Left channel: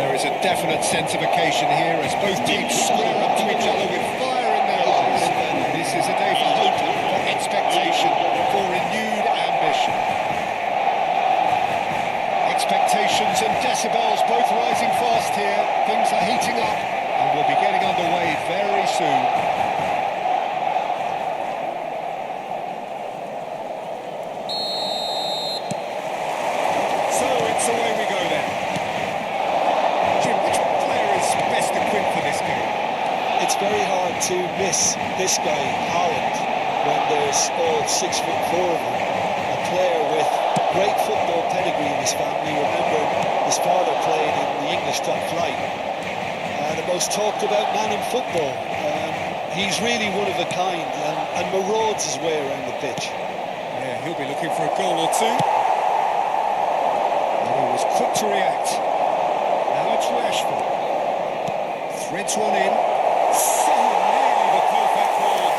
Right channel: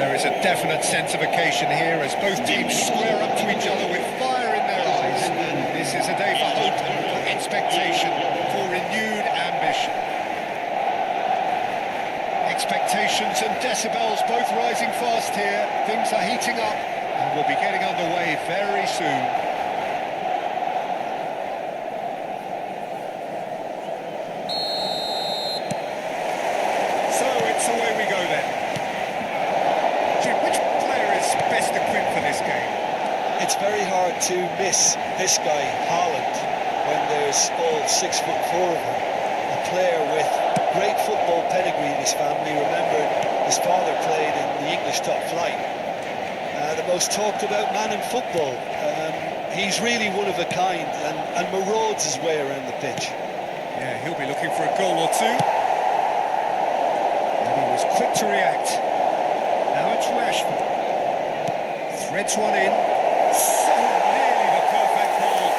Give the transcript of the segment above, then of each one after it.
There is a definite sense of occasion here as both teams square up to each other with fire in their eyes. This is a day for hope, for expectation, for renewed ambition. Expectations and decibels both rising fast here. Things are heating up and we'll be getting underway very soon. So it's away we go then. Jim, which player is best equipped for this game? It's very hard to miss this guy, Haaland, when there's all 6'4" of him. A player with great football pedigree in his family, remembering his father played in the English top flight. The most talked about man in football. He's really one of a kind and marauds his way around the pitch. Yeah, he'll be looking for a goal or two. And he was quick to react. Now it's Rashford. Threads one in. So nearly the perfect ball.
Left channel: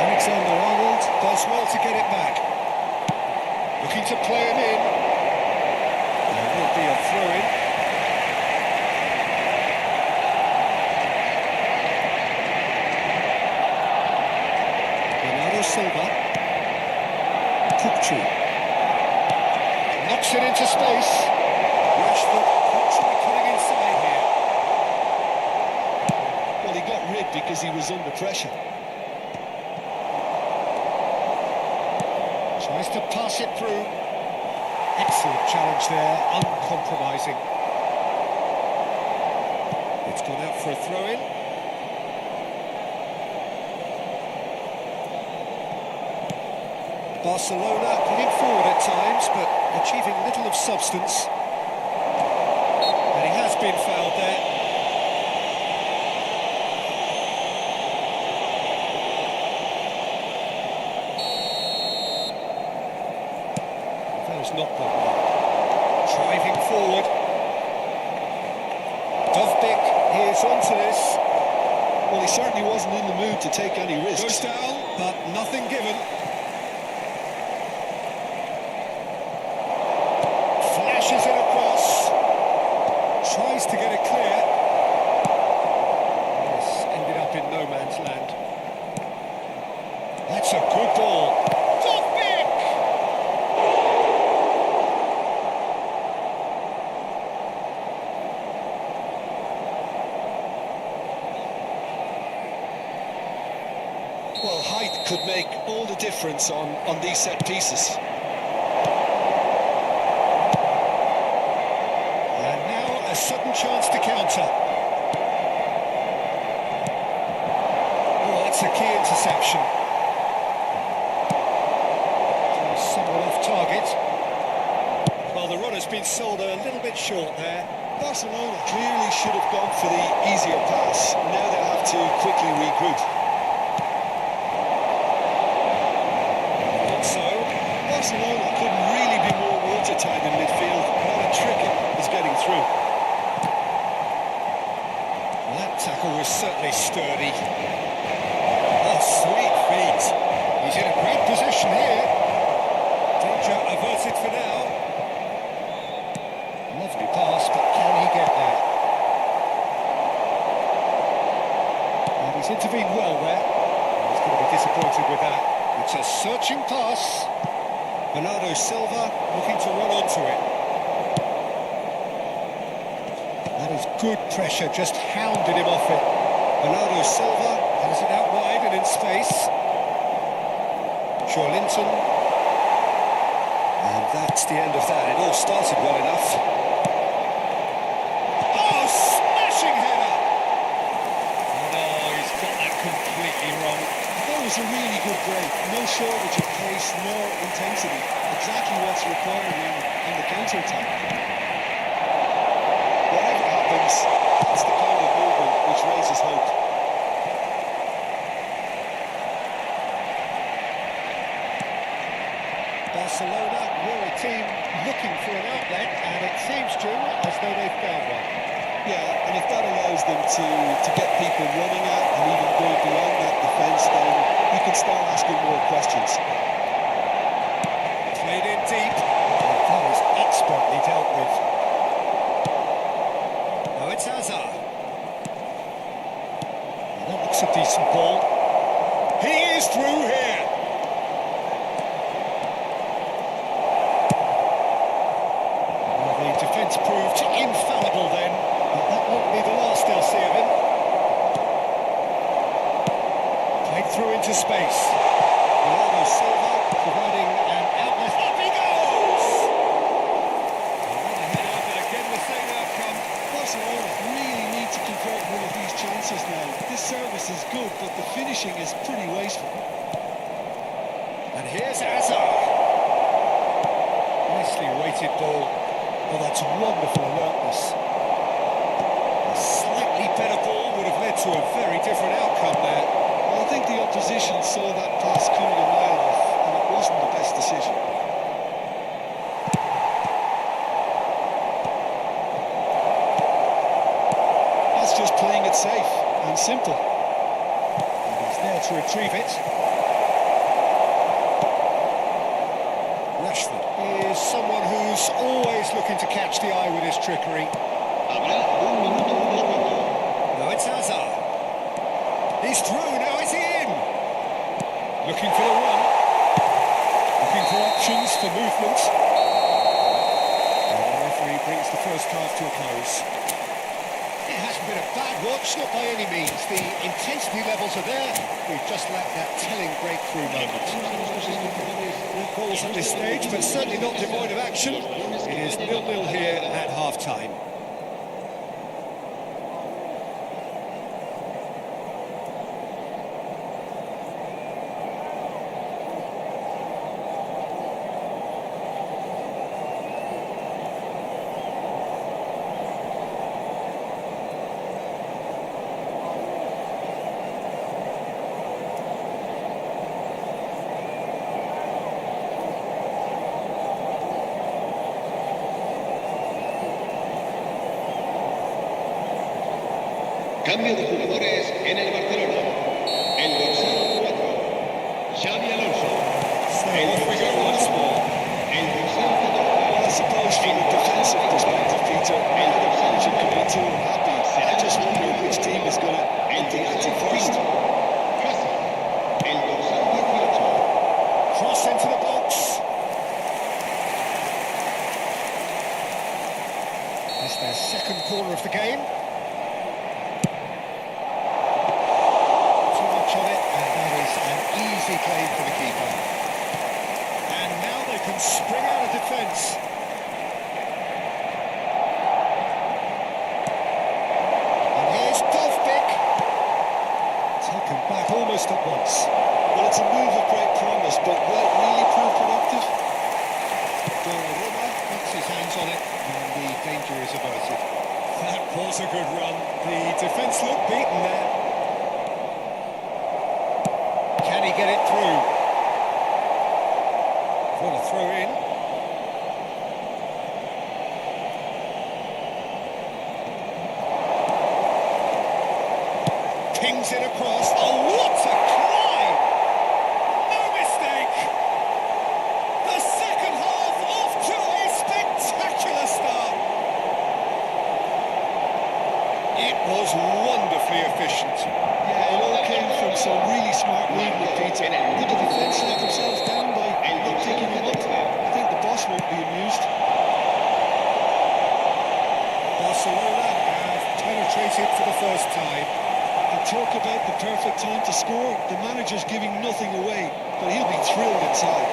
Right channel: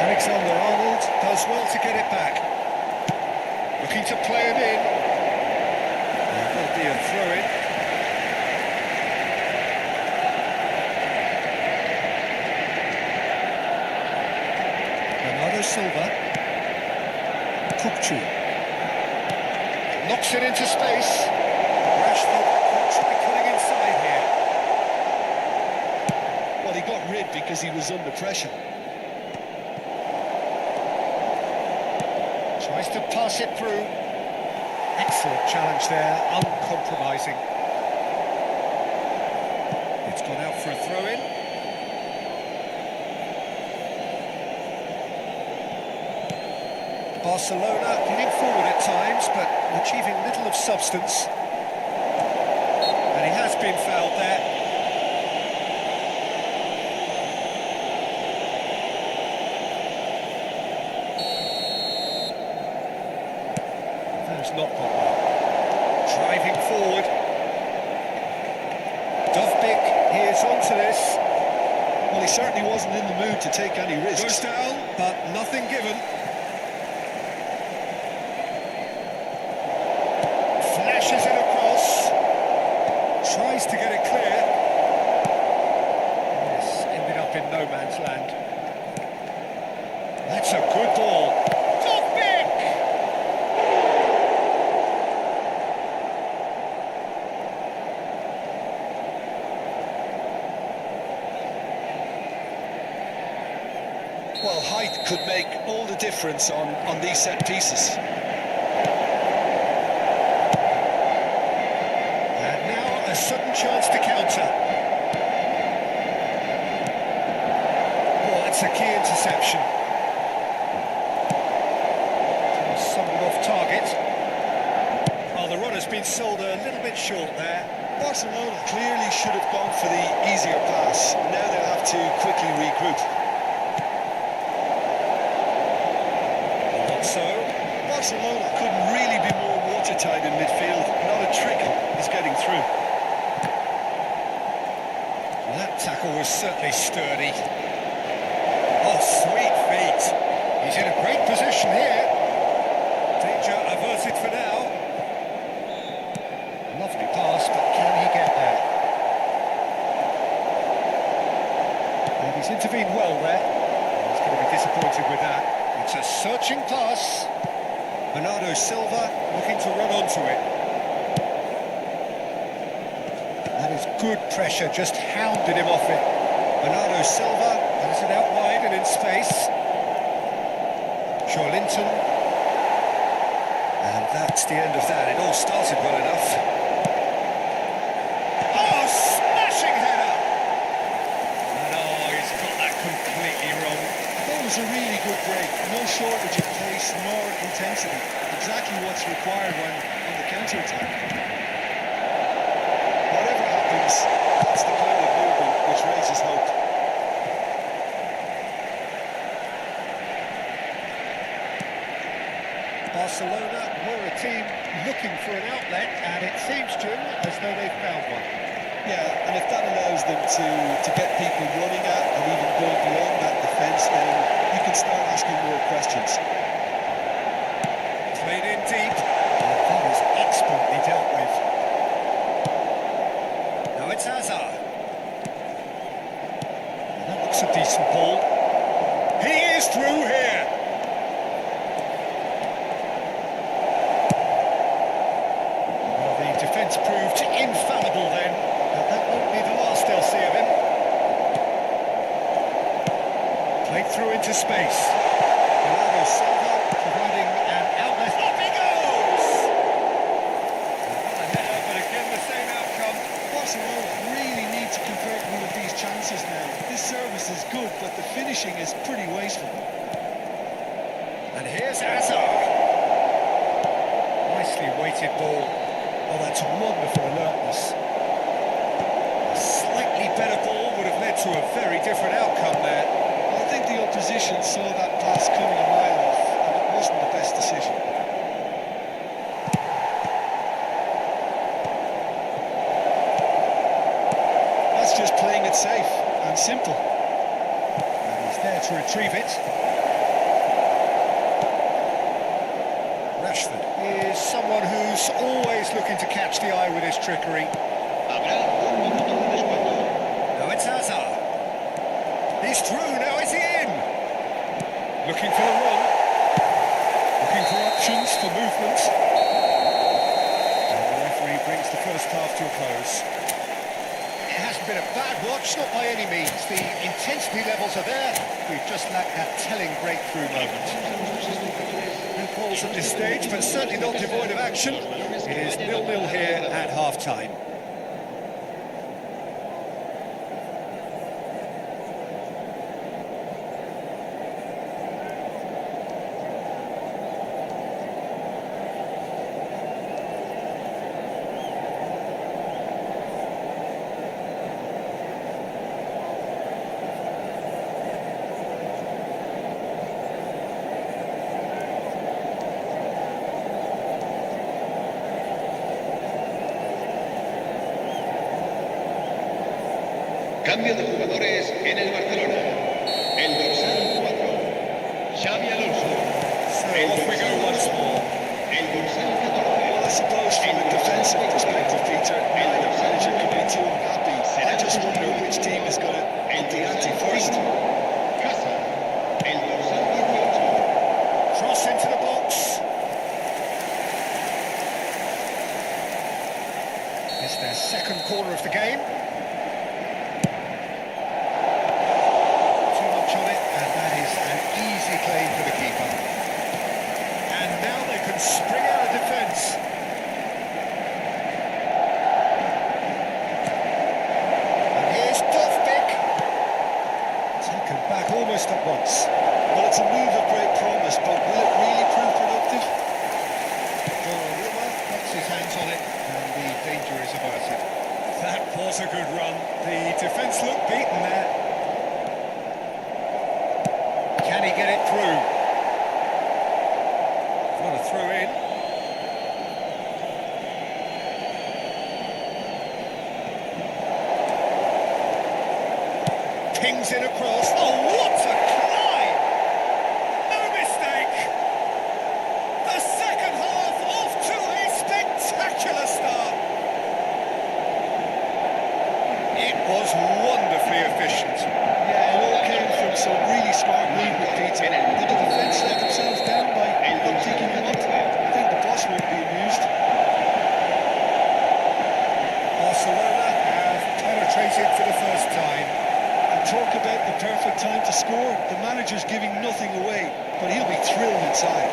Alexander-Arnold does well to get it back. Looking to play him in. There will be a throw-in. Bernardo Silva. Kukçu. Knocks it into space. Rashford could try cutting inside here. Well, he got rid because he was under pressure. Tries to pass it through. Excellent challenge there, uncompromising. It's gone out for a throw-in. Barcelona getting forward at times, but achieving little of substance. And he has been fouled there. That has not gone well. Driving forward. Dovbyk is onto this. Well, he certainly wasn't in the mood to take any risks. Goes down, but nothing given. Flashes it across. Tries to get it clear. This ended up in no man's land. That's a good ball. Dovbyk! Well, height could make all the difference on these set pieces. And now a sudden chance to counter. Oh, that's a key interception. Somewhat off target. Well, the run has been sold a little bit short there. Barcelona clearly should have gone for the easier pass. Now they'll have to quickly regroup. So Barcelona couldn't really be more watertight in midfield. Not a trickle is getting through. Well, that tackle was certainly sturdy. Oh, sweet feet. He's in a great position here. Danger averted for now. Lovely pass, but can he get there? And he's intervened well there. He's going to be disappointed with that. It's a searching pass. Bernardo Silva looking to run onto it. That is good pressure, just hounded him off it. Bernardo Silva has it out wide and in space. Linton. And that's the end of that. It all started well enough. Oh, smashing header! And oh, he's got that completely wrong. I thought it was a really good break. No shortage of pace nor intensity. Exactly what's required when on the counter-attack. Whatever happens, that's the kind of movement which raises hope. Barcelona were a team looking for an outlet, and it seems, Jim, as though they've found one. Yeah, and if that allows them to get people running at and even going beyond that defence, then you can start asking more questions. Played in deep. Well, that is expertly dealt with. Now it's Hazard. Well, that looks a decent ball. He is through here. Well, the defence proved infallible then, but that won't be the last they'll see of him. Played through into space. Bernardo Silva providing an outlet. Up he goes! Another header, but again the same outcome. Barcelona really need to convert one of these chances now. This service is good, but the finishing is pretty wasteful. And here's Hazard. Nicely weighted ball. Oh, that's wonderful alertness. A slightly better ball would have led to a very different outcome there. Well, I think the opposition saw that pass coming a mile off, and it wasn't the best decision. That's just playing it safe and simple. And he's there to retrieve it. Rashford is someone who's always looking to catch the eye with his trickery. Habrá un minuto de descuento. Now it's Hazard. He's through, now is he in? Looking for the run. Looking for options, for movement. And the referee brings the first half to a close. It hasn't been a bad watch, not by any means. The intensity levels are there. We've just lacked that telling breakthrough moment. No goals at this stage, but certainly not devoid of action. It is 0-0 here at half-time. Cambio de jugadores en el Barcelona. El dorsal 4, Xavi Alonso. So off we go once more. El dorsal 14. Well, I suppose from a defensive perspective, Peter, neither manager can be too unhappy. I just wonder which team is going to up the ante first. Casa. El dorsal 18. Cross into the box. It's their second corner of the game. Too much on it, and that is an easy claim for the keeper. And now they can spring out of defence. And here's Dovbik. Taken back almost at once. Well, it's a move of great promise, but will it really prove productive? Donnarumma gets his hands on it, and the danger is averted. That was a good run. The defence looked beaten there. Can he get it through? What a throw in. Pings it across. Oh, what a climb! No mistake! The second half off to a spectacular start. It was wonderfully efficient. Yeah, it all came from some really smart movement, Peter. Did the defence let themselves down by not picking him up? I think the boss won't be amused. Barcelona have penetrated for the first time. And talk about the perfect time to score. The manager's giving nothing away, but he'll be thrilled inside.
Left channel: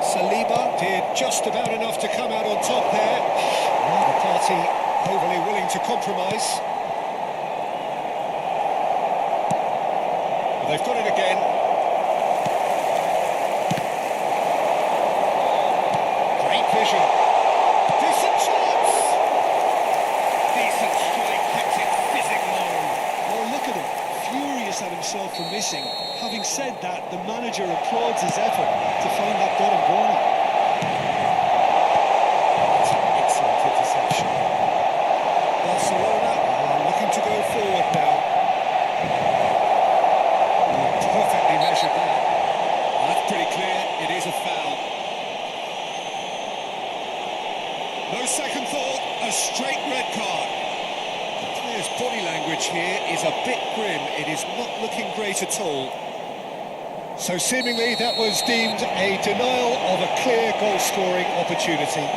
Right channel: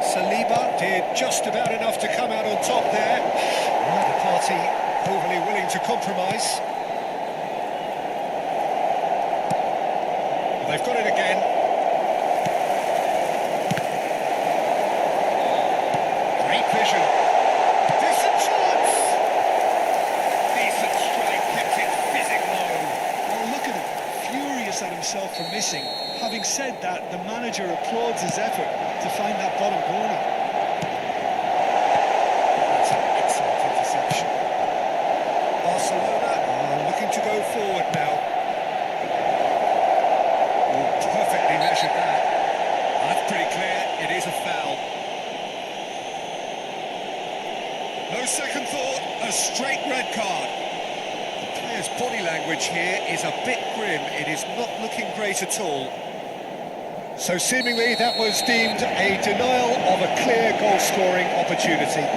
Saliba did just about enough to come out on top there. Now the party overly willing to compromise. But they've got it again. Great vision. Decent chance. Decent strike, kept it fizzing low. Well, look at him, furious at himself for missing. Having said that, the manager applauds his effort to find that bottom corner. That's an excellent interception. Barcelona are looking to go forward now. Oh, perfectly measured that. That's pretty clear, it is a foul. No second thought, a straight red card. The player's body language here is a bit grim. It is not looking great at all. So seemingly that was deemed a denial of a clear goal-scoring opportunity.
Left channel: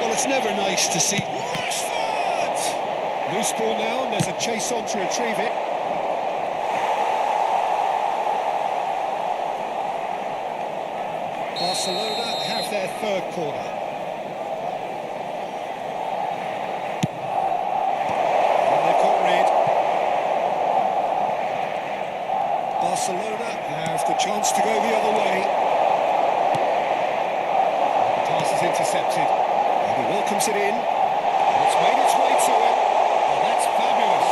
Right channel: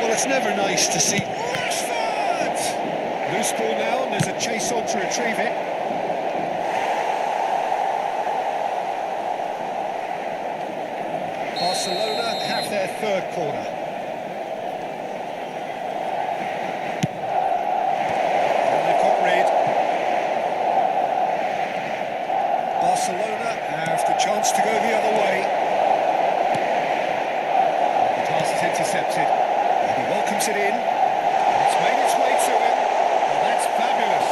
Well, it's never nice to see. Rashford! Loose ball now, and there's a chase on to retrieve it. Barcelona have their third corner. And they've got rid. Barcelona have the chance to go the other way. And the pass is intercepted. And he welcomes it in. And it's made its way to him. Oh, that's fabulous.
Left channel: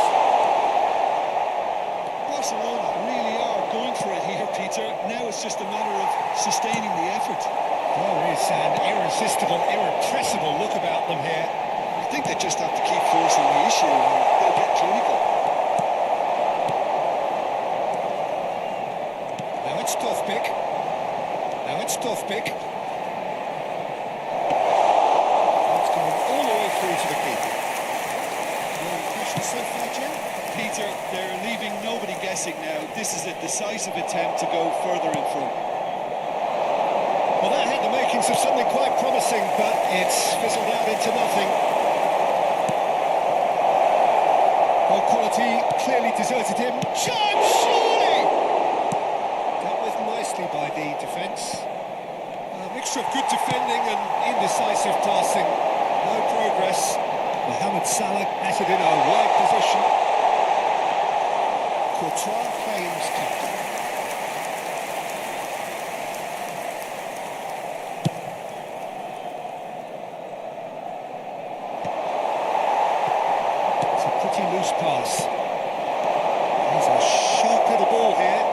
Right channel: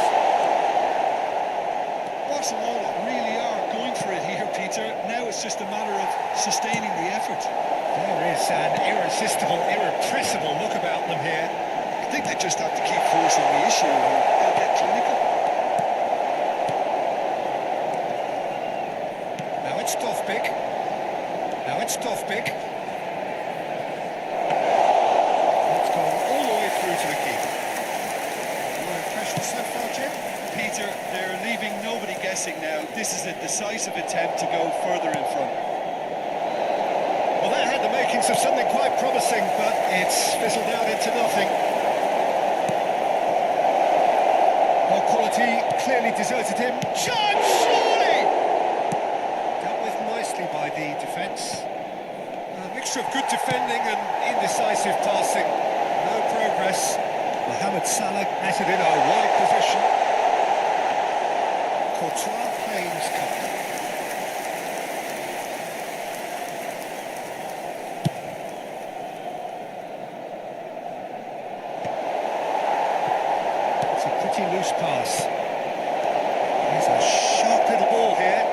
Barcelona really are going for it here, Peter. Now it's just a matter of sustaining the effort. There is an irresistible, irrepressible look about them here. I think they just have to keep forcing the issue and they'll get clinical. Now it's Dovbik. Now it's Dovbik. It's gone all the way through to the keeper. Your impression so far, Jim? Peter, they're leaving nobody guessing now. This is a decisive attempt to go further in front. Well, that had the makings of something quite promising, but it's fizzled out into nothing. Well, quality clearly deserted him. Chance, surely! Dealt with nicely by the defence. A mixture of good defending and indecisive passing. No progress. Mohamed Salah has it in a wide position. Courtois claims comfort. It's a pretty loose pass. There's a sharp little ball here.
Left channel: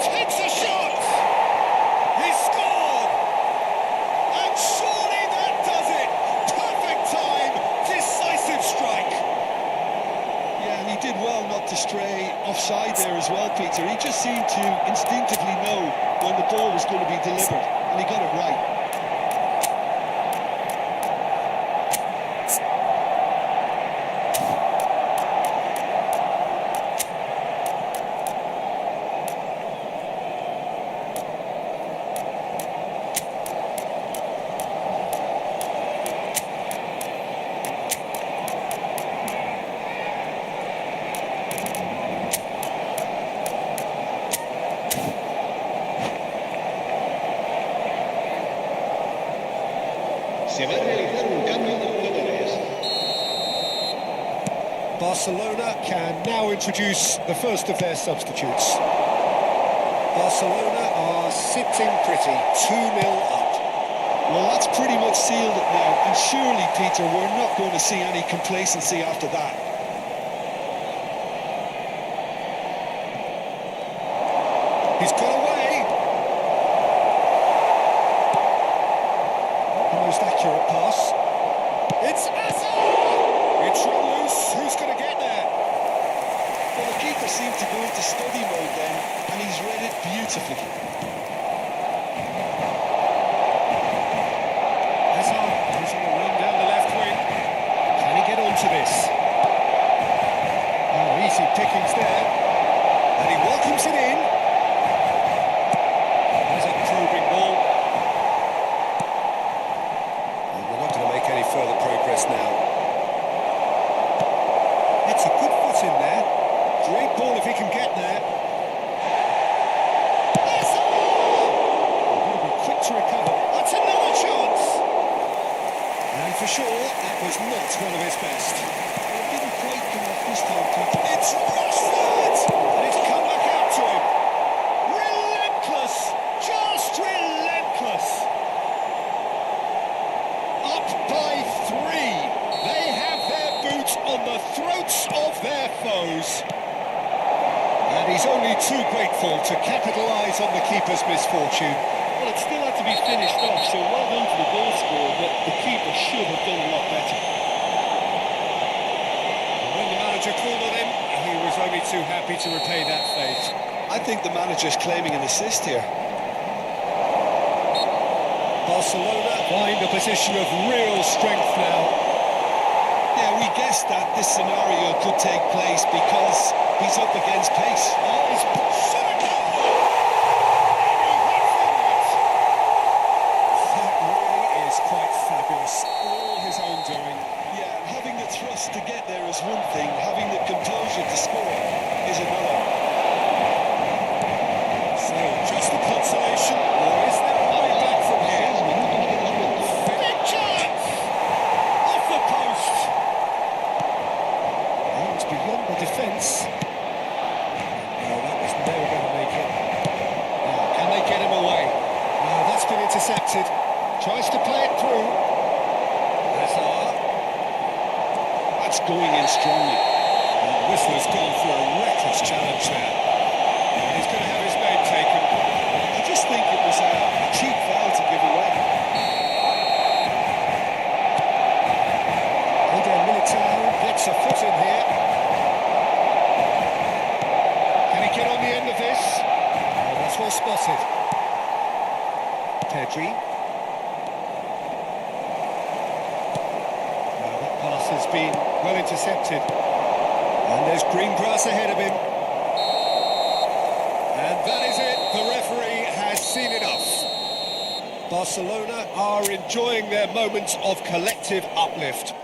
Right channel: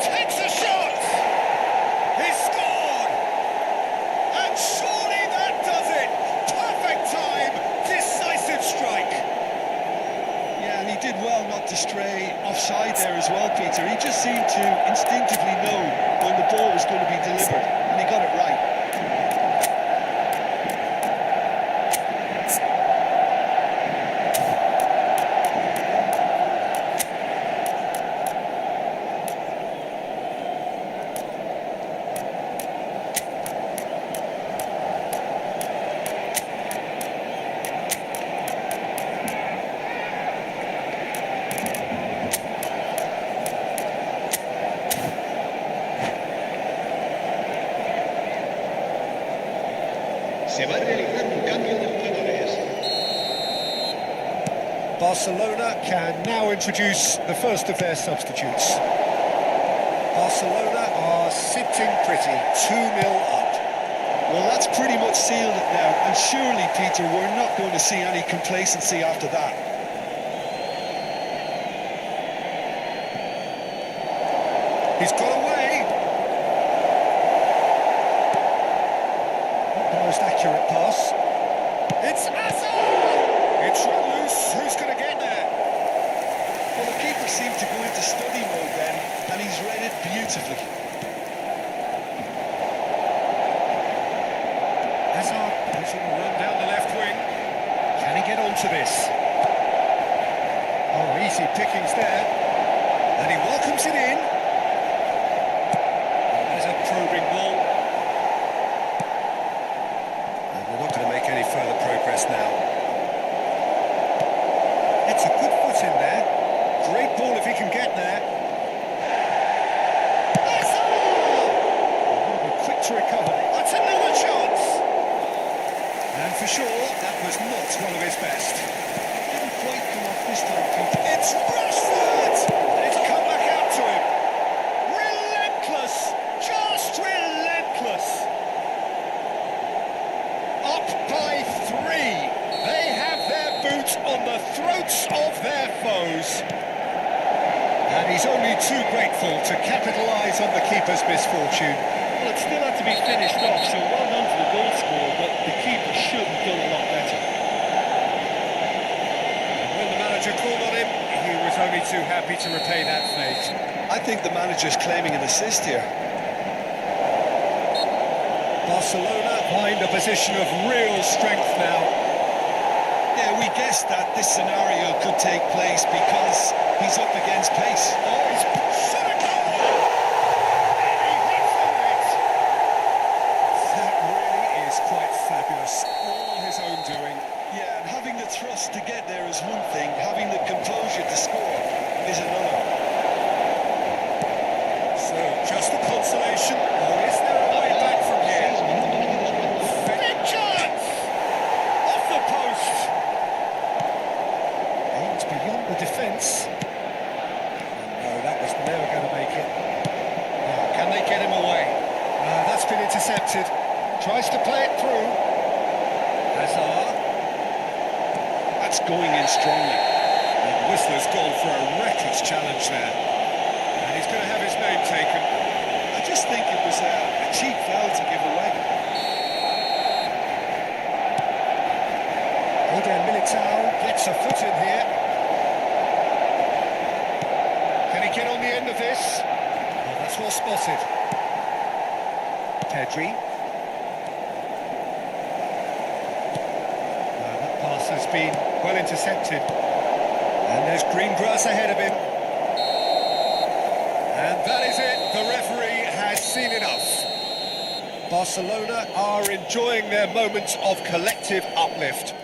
Takes a shot! He's scored! And surely that does it! Perfect time, decisive strike. Yeah, and he did well not to stray offside there as well, Peter. He just seemed to instinctively know when the ball was going to be delivered, and he got it right. Se va a realizar un cambio de jugadores. Barcelona can now introduce the first of their substitutes. Barcelona are sitting pretty, 2-0 up. Well, that's pretty much sealed it now, and surely, Peter, we're not going to see any complacency after that. He's got away. Not the most accurate pass. It's Hazard! It's run loose. Who's going to get there? Well, the keeper seemed to go into study mode then, and he's read it beautifully. Hazard is on a run down the left wing. Can he get onto this? Oh, easy pickings there. And he welcomes it in. There's a probing ball. And they're not going to make any further progress now. That's a good foot in there. Great ball if he can get there. Hazard! He's going to be quick to recover. That's another chance. And for sure, that was not one of his best. Well, it didn't quite come off this time, Peter. It's Rashford! And it's come back out to him. Relentless! Just relentless! Up by 3. They have their boots on the throats of their foes. And he's only too grateful to capitalise on the keeper's misfortune. Well, it still had to be finished off, so well done to the goal scorer, but the keeper should have done a lot better. And when the manager called on him, he was only too happy to repay that fate. I think the manager's claiming an assist here. Barcelona find a position of real strength now. Yeah, we guessed that this scenario could take place because he's up against pace. Oh, he's shot a goal! And he hits the net! That really is quite fabulous. All his own doing. Yeah, and having the thrust to get there is one thing, having the composure to score is another. So, just a consolation, or is there a way back from here? 6 minutos de descuento. Big chance! Off the post! Aims beyond the defence. No, that was never going to make it. Now, can they get him away? No, that's been intercepted. Tries to play it through. Hazard. That's going in strongly. And the whistler's gone for a reckless challenge there. And he's going to have his name taken. I just think it was a cheap foul to give away. Eder Militao gets a foot in here. Can he get on the end of this? Oh, that's well spotted. Pedri. That pass has been well intercepted. And there's green grass ahead of him. And that is it. The referee has seen enough. Barcelona are enjoying their moments of collective uplift.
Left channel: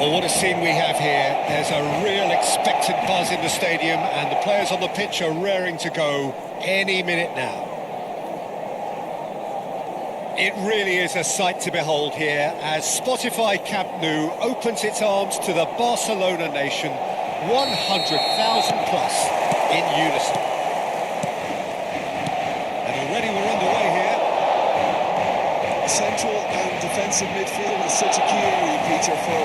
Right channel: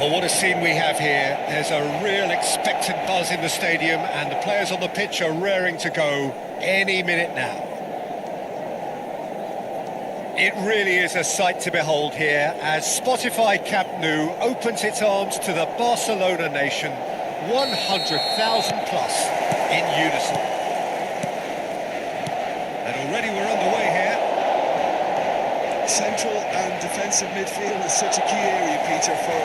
Well, what a scene we have here. There's a real expectant buzz in the stadium, and the players on the pitch are raring to go any minute now. It really is a sight to behold here as Spotify Camp Nou opens its arms to the Barcelona nation, 100,000 plus in unison. And already we're underway here. Central and defensive midfield is such a key area, Peter, for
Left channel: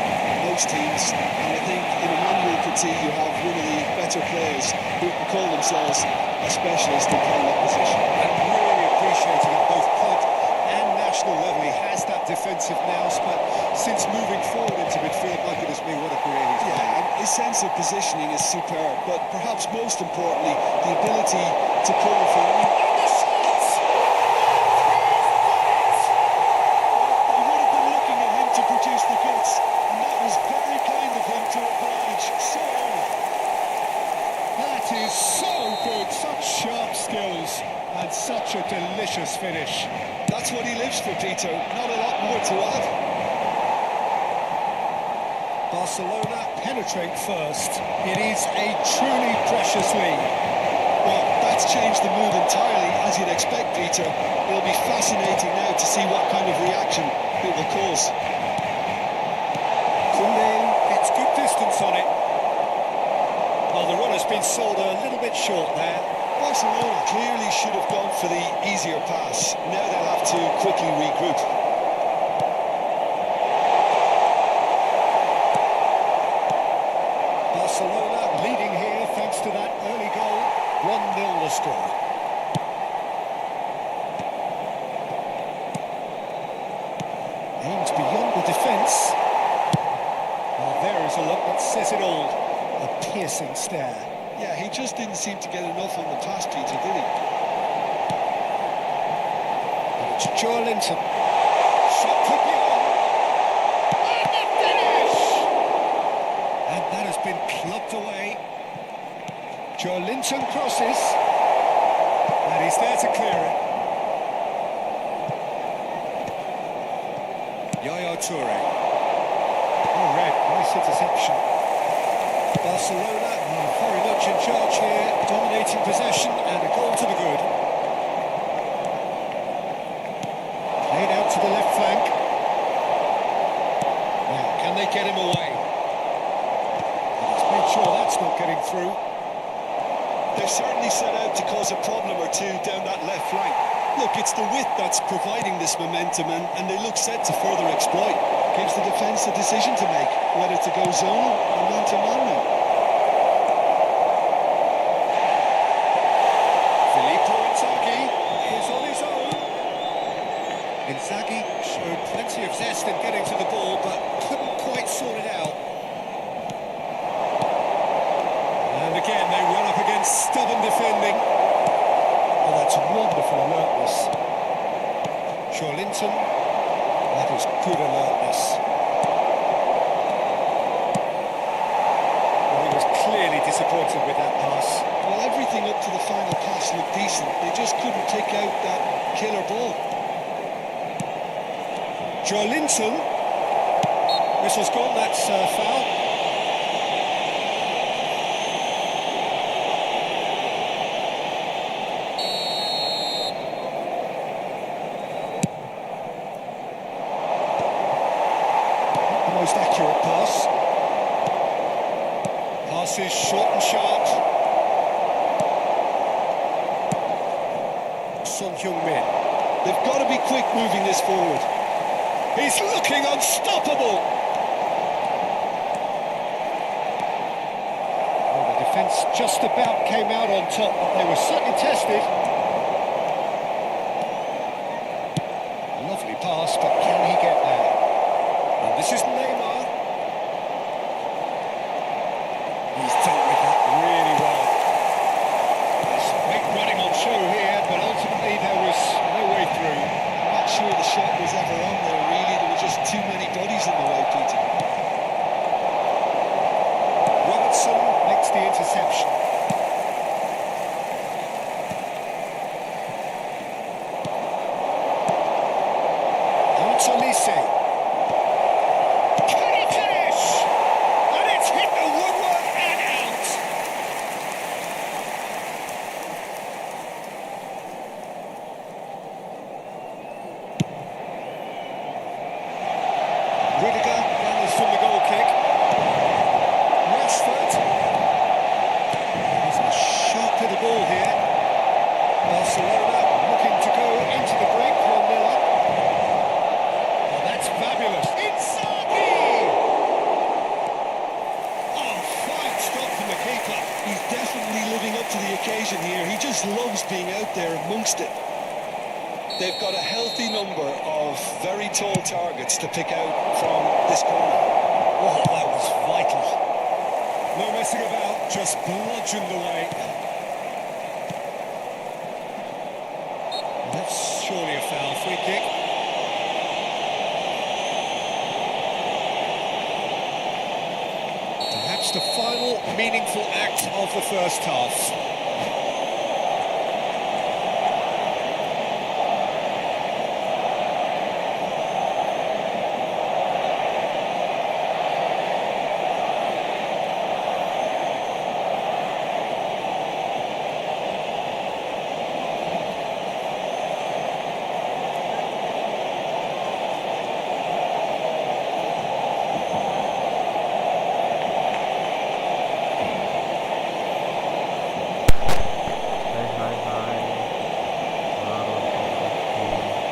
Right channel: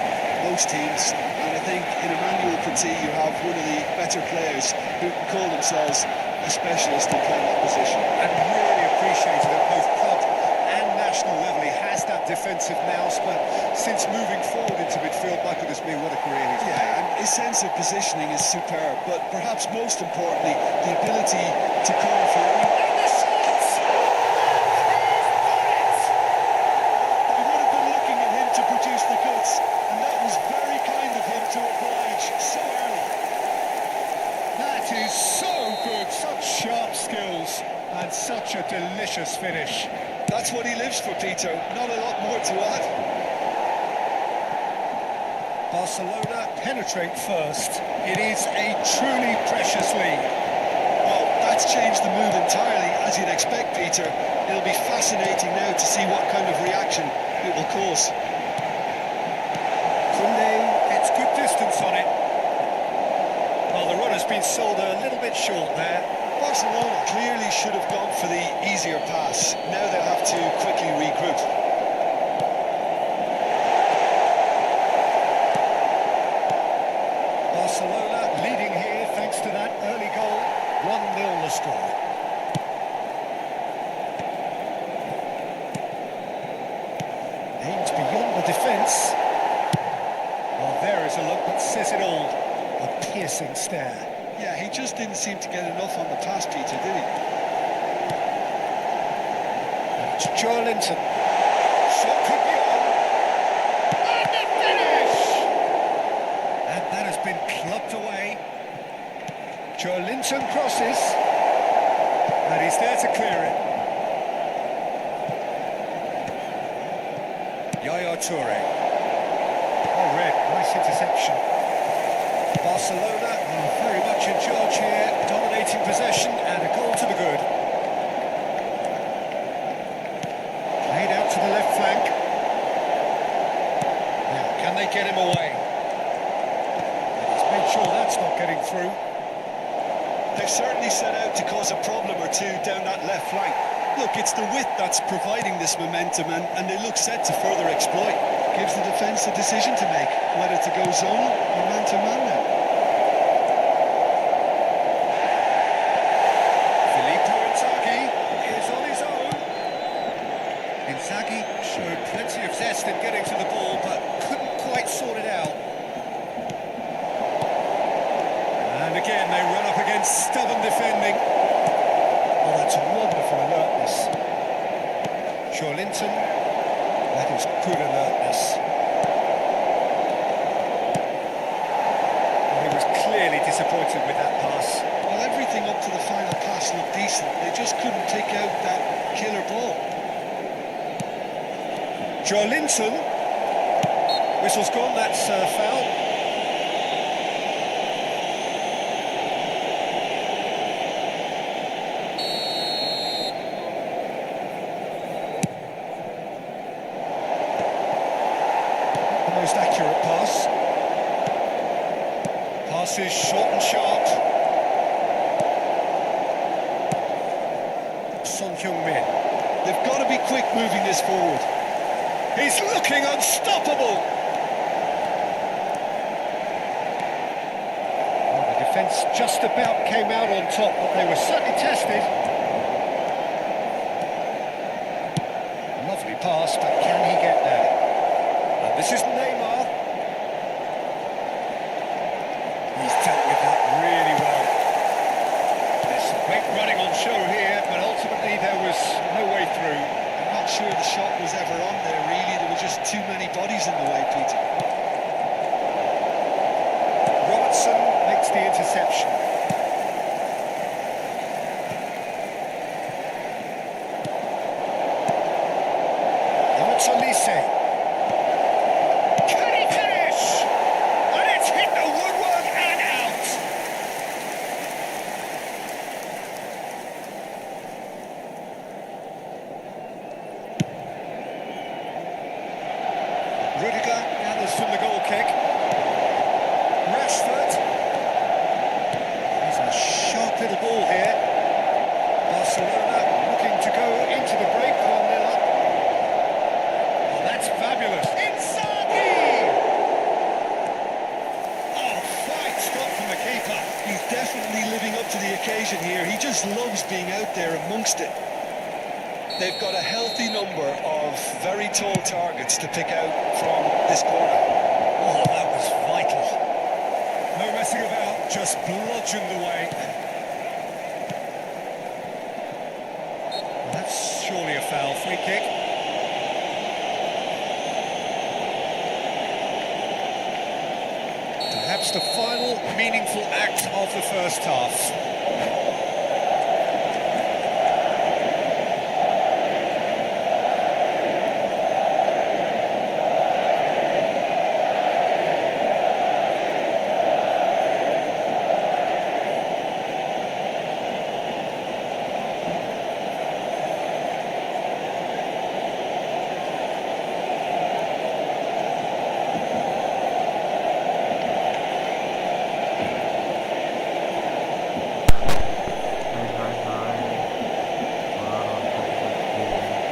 most teams, and I think in Emmanuel Petit you have one of the better players who can call themselves a specialist in playing that position. And really appreciated at both club and national level. He has that defensive nous, but since moving forward into midfield, my goodness me, what a career he's made. And his sense of positioning is superb, but perhaps most importantly, the ability to cover for any... And the shot! They would have been looking at him to produce the goods, and that was very kind of him to oblige so early. That is so good, such sharp skills and such a delicious finish. That's what he lives for, Peter, not a lot more to add. Barcelona penetrate first. It is a truly precious lead. Well, that's changed the mood entirely, as you'd expect, Peter. It'll be fascinating now to see what kind of reaction it will cause. Koundé gets good distance on it. Well, the runner's been sold a little bit short there. Barcelona clearly should have gone for the easier pass. Now they'll have to quickly regroup. Barcelona leading here thanks to that early goal. 1-0 the score. Aimed beyond the defence. Well, there is a look that says it all. A piercing stare. Yeah, he just didn't seem to get enough on the pass, Peter, did he? And it's Joelinton. Shot could be on. And the finish! And that has been clubbed away. Joelinton crosses. And he's there to clear it. Yaya Toure. Oh, Red, nice interception. Barcelona are very much in charge here, dominating possession and a goal to the good. Played out to the left flank. Now, can they get him away? And he's made sure that's not getting through. They've certainly set out to cause a problem or two down that left flank. Look, it's the width that's providing this momentum, and they look set to further exploit. Gives the defence a decision to make, whether to go zonal or man-to-man now. Filippo Inzaghi is on his own. Inzaghi showed plenty of zest in getting to the ball, but couldn't quite sort it out. And again, they run up against stubborn defending. Oh, that's wonderful alertness. Joelinton, that is good alertness. Well, he was clearly disappointed with that pass. Well, everything up to the final pass looked decent. They just couldn't pick out that killer ball. Joelinton. Whistle's gone, that's foul. The most accurate pass. Pass is short and sharp. Son Heung-min. They've got to be quick moving this forward. He's looking unstoppable. Well, the defence just about came out on top, but they were certainly tested. Lovely pass, but can he get there? And this is Neymar. He's dealt with that really well. There's some great running on show here, but ultimately there was no way through. I'm not sure the shot was ever on there, really. There were just too many bodies in the way, Peter. Robertson makes the interception. Now it's Olise. Can he finish? The woodwork and out. Rudiger gathers from the goal kick. Rashford. He's a sharp little ball here. Barcelona looking to go into the break, 1-0 up. Oh, that's fabulous. Inzaghi! Oh, fine stop from the keeper. He's definitely living up to the occasion here. He just loves being out there amongst it. They've got a healthy number of very tall targets to pick out from this corner. Oh, that was vital. No messing about, just bludgeoned away. Well, that's surely a foul. Free kick. Perhaps the final meaningful act of the first half. Hai baru nonton juga sih.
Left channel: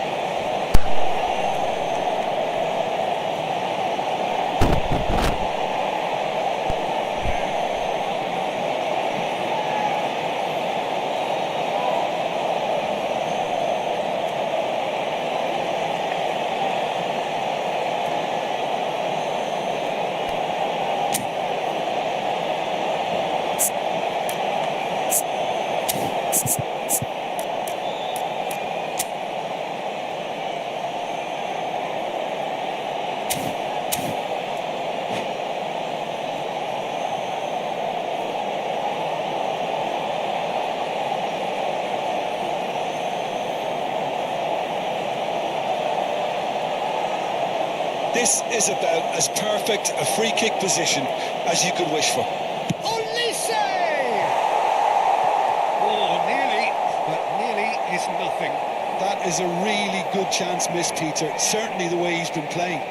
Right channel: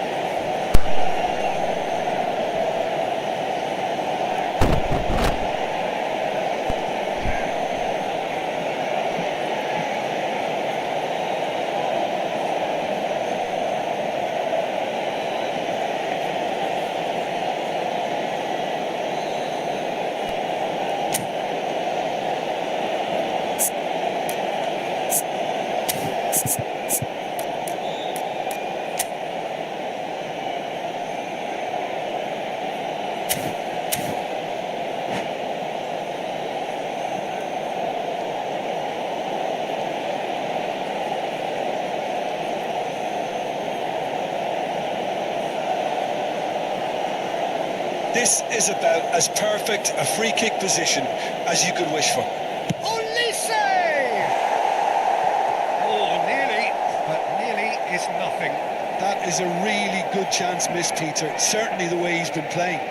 This is about as perfect a free kick position as you could wish for. Olise! Oh, nearly, but nearly is nothing. That is a really good chance missed, Peter. Certainly the way he's been playing.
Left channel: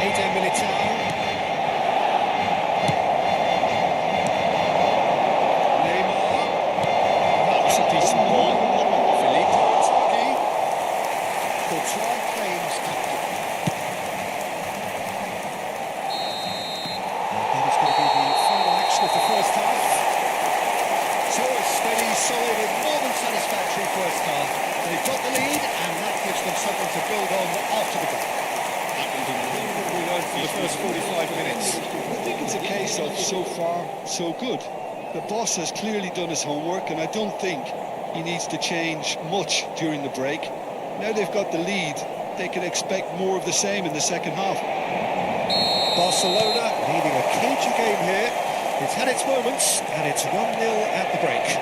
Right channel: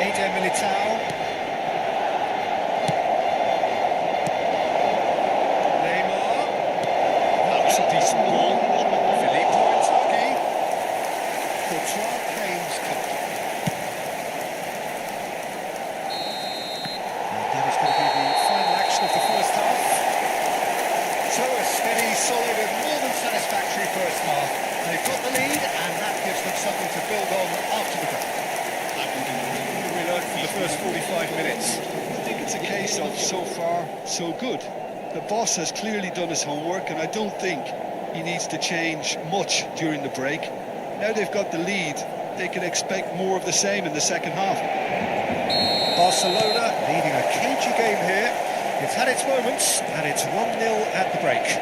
Eder Militao. Neymar. That was a decent ball. Filippo Inzaghi. Courtois claims comfortable. And that is going to be the final action of the first half. So a steady, solid and more than satisfactory first half. They've got the lead and that gives them something to build on after the break. What have we learned from the first 45 minutes? I think it's a case of so far, so good. The boss has clearly done his homework, and I don't think he needs to change much during the break. Now they've got the lead, they can expect more of the same in the second half. Barcelona leading a cagey game here. It's had its moments, and it's 1-0 at the break.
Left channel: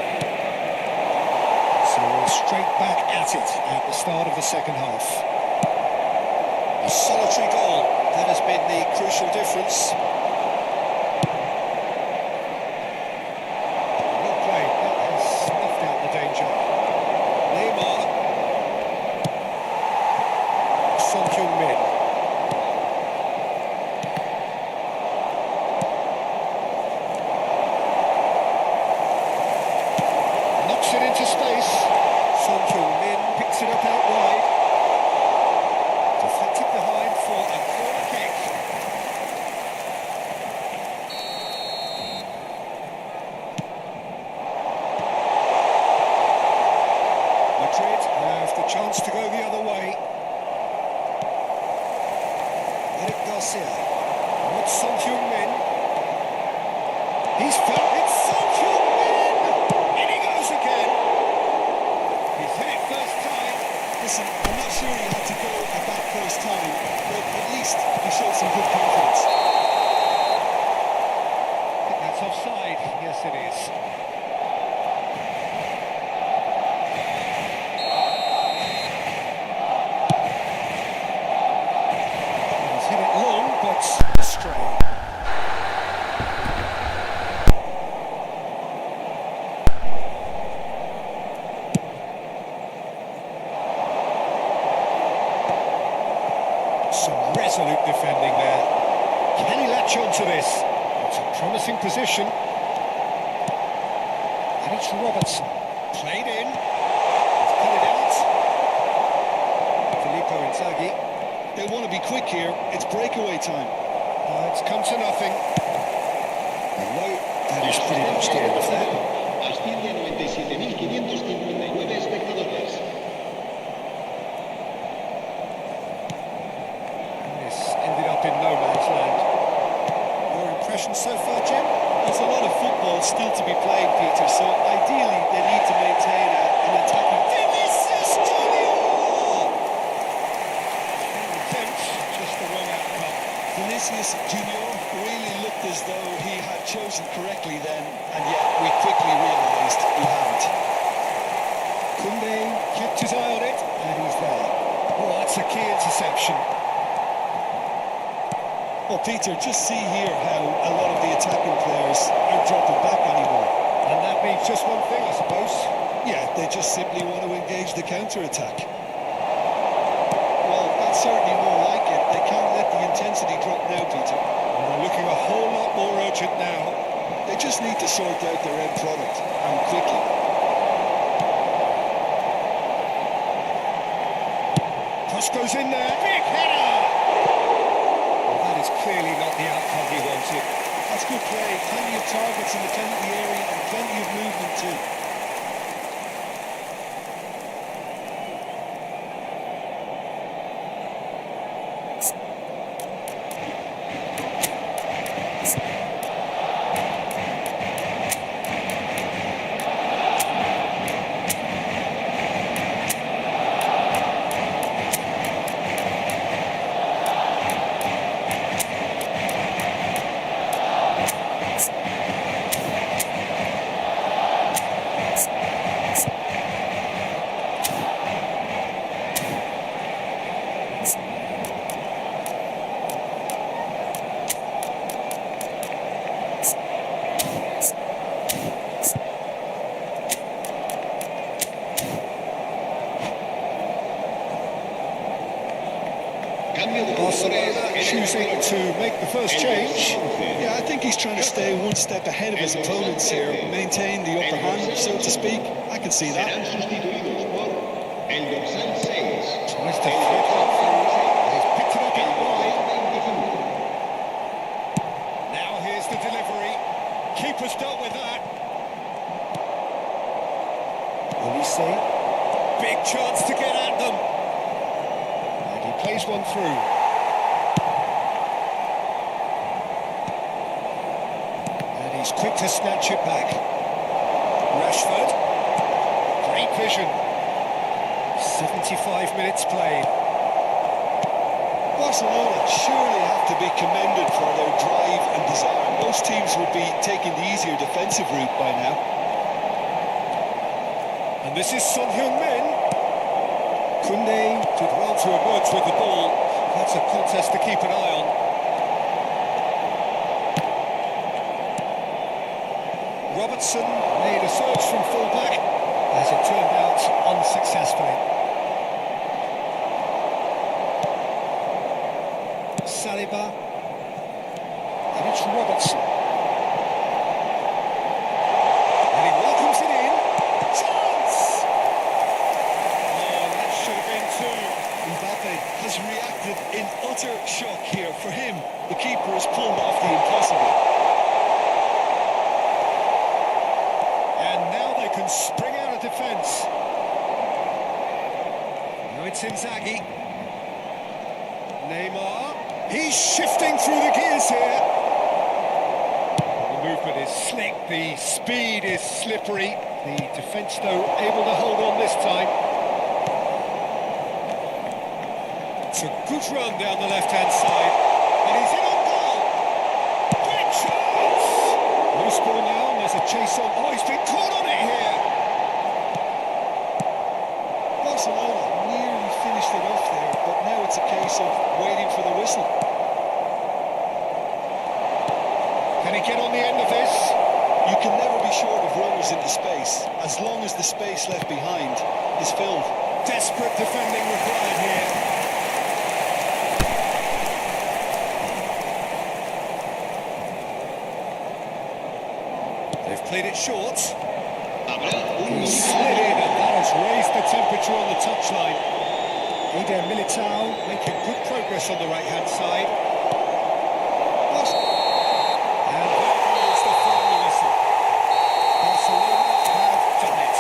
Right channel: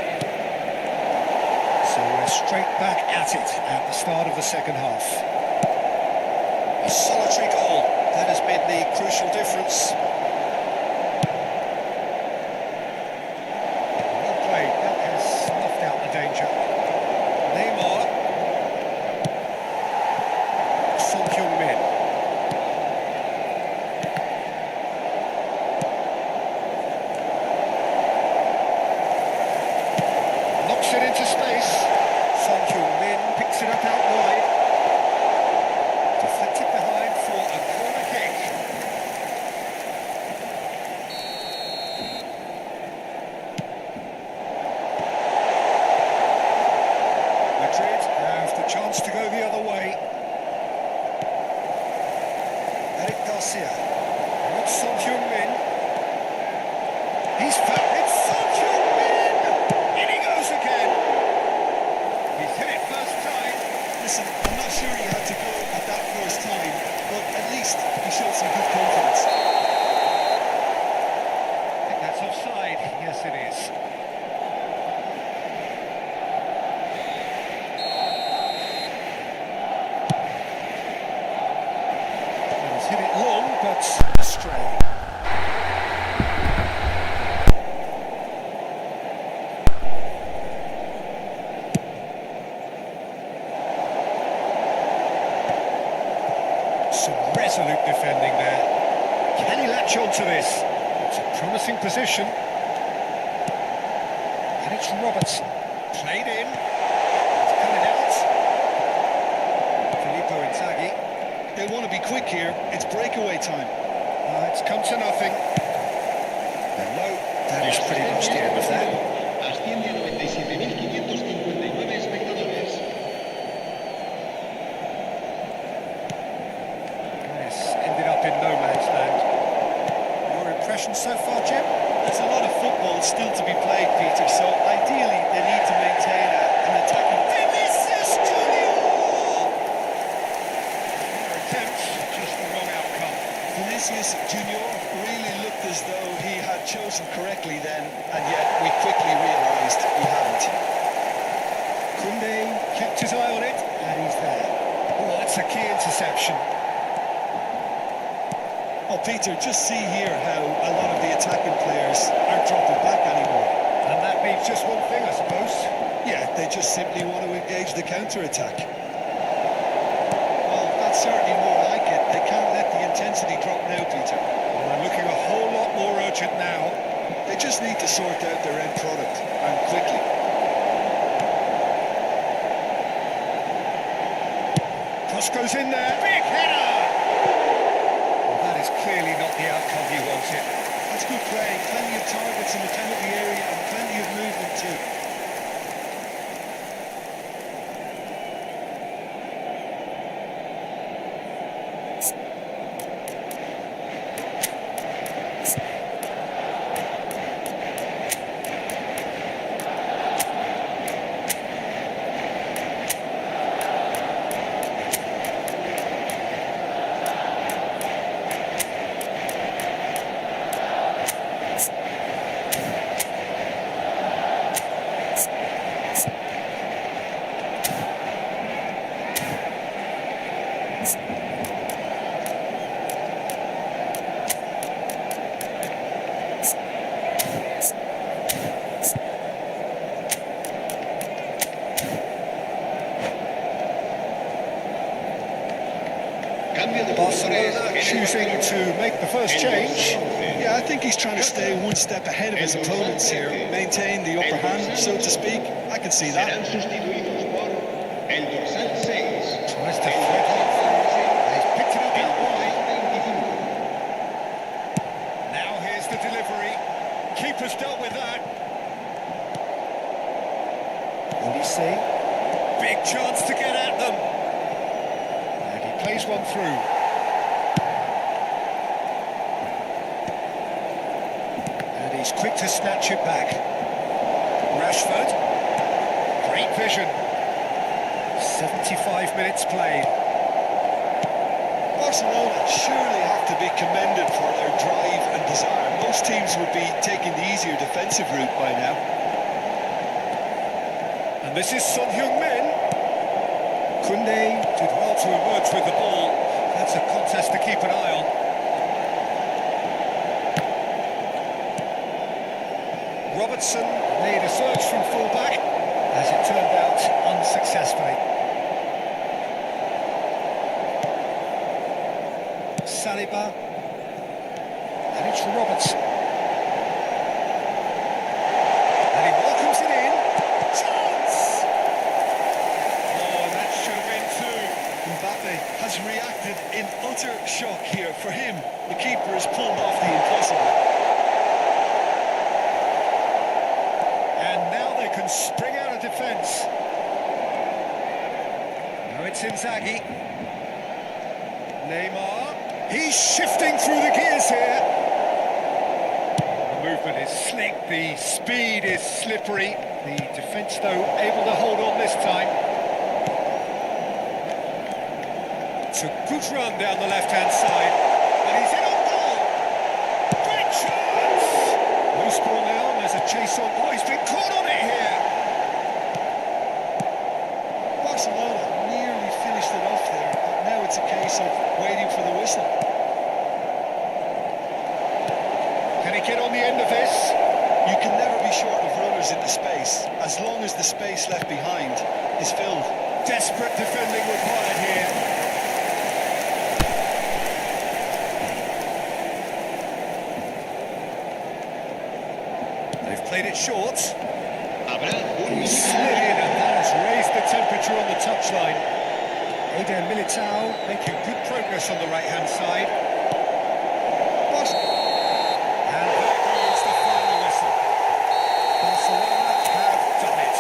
So we're straight back at it at the start of the second half. A solitary goal, that has been the crucial difference. Well played, that has snuffed out the danger. Neymar. Son Heung-min. Knocks it into space. Son Heung-min picks it up out wide. Deflected behind for a corner kick. Madrid have the chance to go the other way. Eric Garcia. It's Son Heung-min. He's found... It's Son Heung-min! In he goes again. He's hit it first time. Listen, I'm not sure he had to go at that first time, but at least he showed some good confidence. I think that's offside. Yes, it is. hit it long, but astray. Some resolute defending there. Can he latch on to this? It's a promising position. And it's Robertson. Played in. He's cut it out. Filippo Inzaghi. They want to be quick here. It's breakaway time. It's come to nothing. No, that is pretty much the end of that. Asciende a 97.559 espectadores. That has ended up in no man's land. Your impression so far, Jim? There's a lot of football still to be played, Peter, so ideally they need to maintain an attacking... Vinicius Junior! Their attempt, just the wrong outcome. Vinicius Junior really looked as though he had chosen correctly then, and yet we quickly realised he hadn't. Koundé kept his eye on it, and he's there. Oh, that's a key interception. Well, Peter, just see here how a lot of the attacking players aren't dropping back anymore. And that means just one thing, I suppose. Yeah, they just simply want to engage the counter-attack. Well, that's certainly more like it. They can't let the intensity drop now, Peter. Well, they're looking a whole lot more urgent now. They just need to sort out their end product, and quickly. Cross goes in there. Big header! Well, that is clearly not the outcome he wanted. That's good play. Plenty of targets in the penalty area and plenty of movement too. Barcelona choosing to make the first change. Yeah, I think he's trying to stay one step ahead of his opponents here, maintain the upper hand, so to speak. I can see that. Serán sustituidos por el dorsal 6. Tries to thread one through, and he's picked it up out wide. Now here's the delivery. Keeper's dealt with that. Olise. Big chance to get at them. And he plays one through. And he's quick to snatch it back. Rashford. Great vision. 75 minutes played. Barcelona surely have to be commended for their drive and desire. Most teams would be taking the easier defensive route by now. And this is Son Heung-min. Koundé did well to emerge with the ball. That's a contest to keep an eye on. Robertson made a surge from full-back, as it turned out unsuccessfully. Saliba. And it's Robertson. And he welcomes it in. Chance! Oh, that should have been two. Mbappe has reacted in utter shock here. For him, the keeper has pulled off the impossible. And now they can spring out of defence. Now it's Inzaghi. Neymar. He's shifting through the gears here. Oh, the movement is slick, the speed is slippery. The defence, though, able to hold on this time. It's a good run down the left-hand side. And he's in on goal. Great chance! Loose ball now, and there's a chase on. Oh, he's been caught on it here. Barcelona nearly finished it off there, but now it's a case of waiting for the whistle. Can he get on the end of this? You can never be short of runners into space, as long as the space left behind is filled. Desperate defending required here. They've played it short. Habrá un He minuto de slid in, descuento. and that has raised the temperature on the touchline. Eder Militao making good progress on the right-hand side. And there goes the final whistle. Barcelona have done it.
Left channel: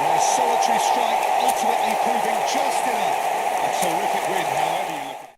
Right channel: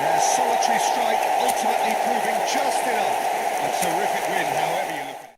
Their solitary strike ultimately proving just enough. A terrific win, however you look at it.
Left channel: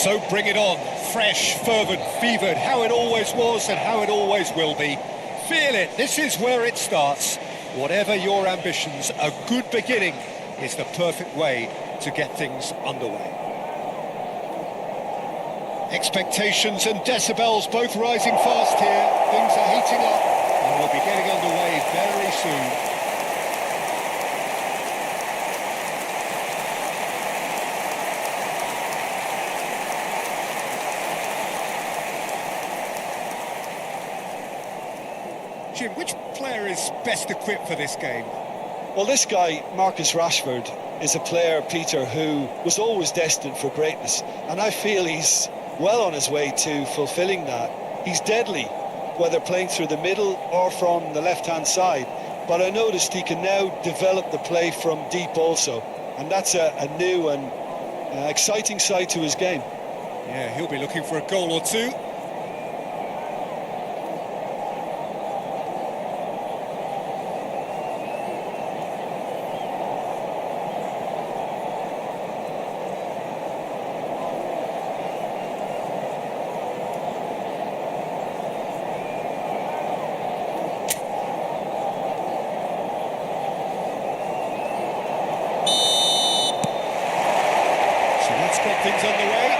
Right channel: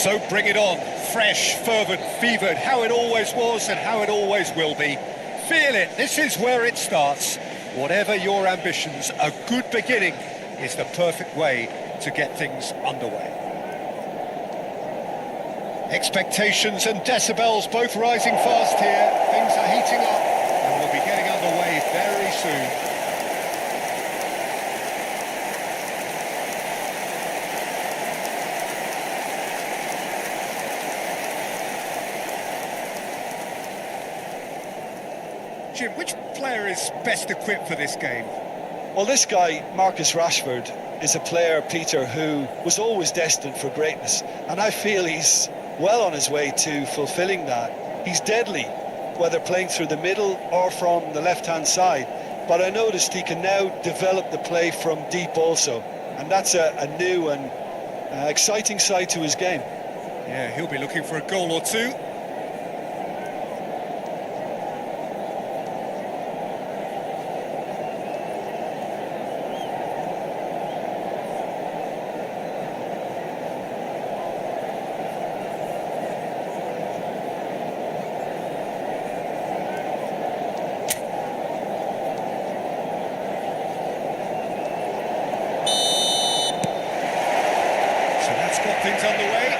So bring it on. Fresh, fervent, fevered, how it always was and how it always will be. Feel it, this is where it starts. Whatever your ambitions, a good beginning is the perfect way to get things underway. Expectations and decibels both rising fast here. Things are heating up and we'll be getting underway very soon. Jim, which player is best equipped for this game? Well, this guy, Marcus Rashford, is a player, Peter, who was always destined for greatness. And I feel he's well on his way to fulfilling that. He's deadly, whether playing through the middle or from the left-hand side. But I noticed he can now develop the play from deep also. And that's a new and exciting side to his game. Yeah, he'll be looking for a goal or two. So that's got things on the way.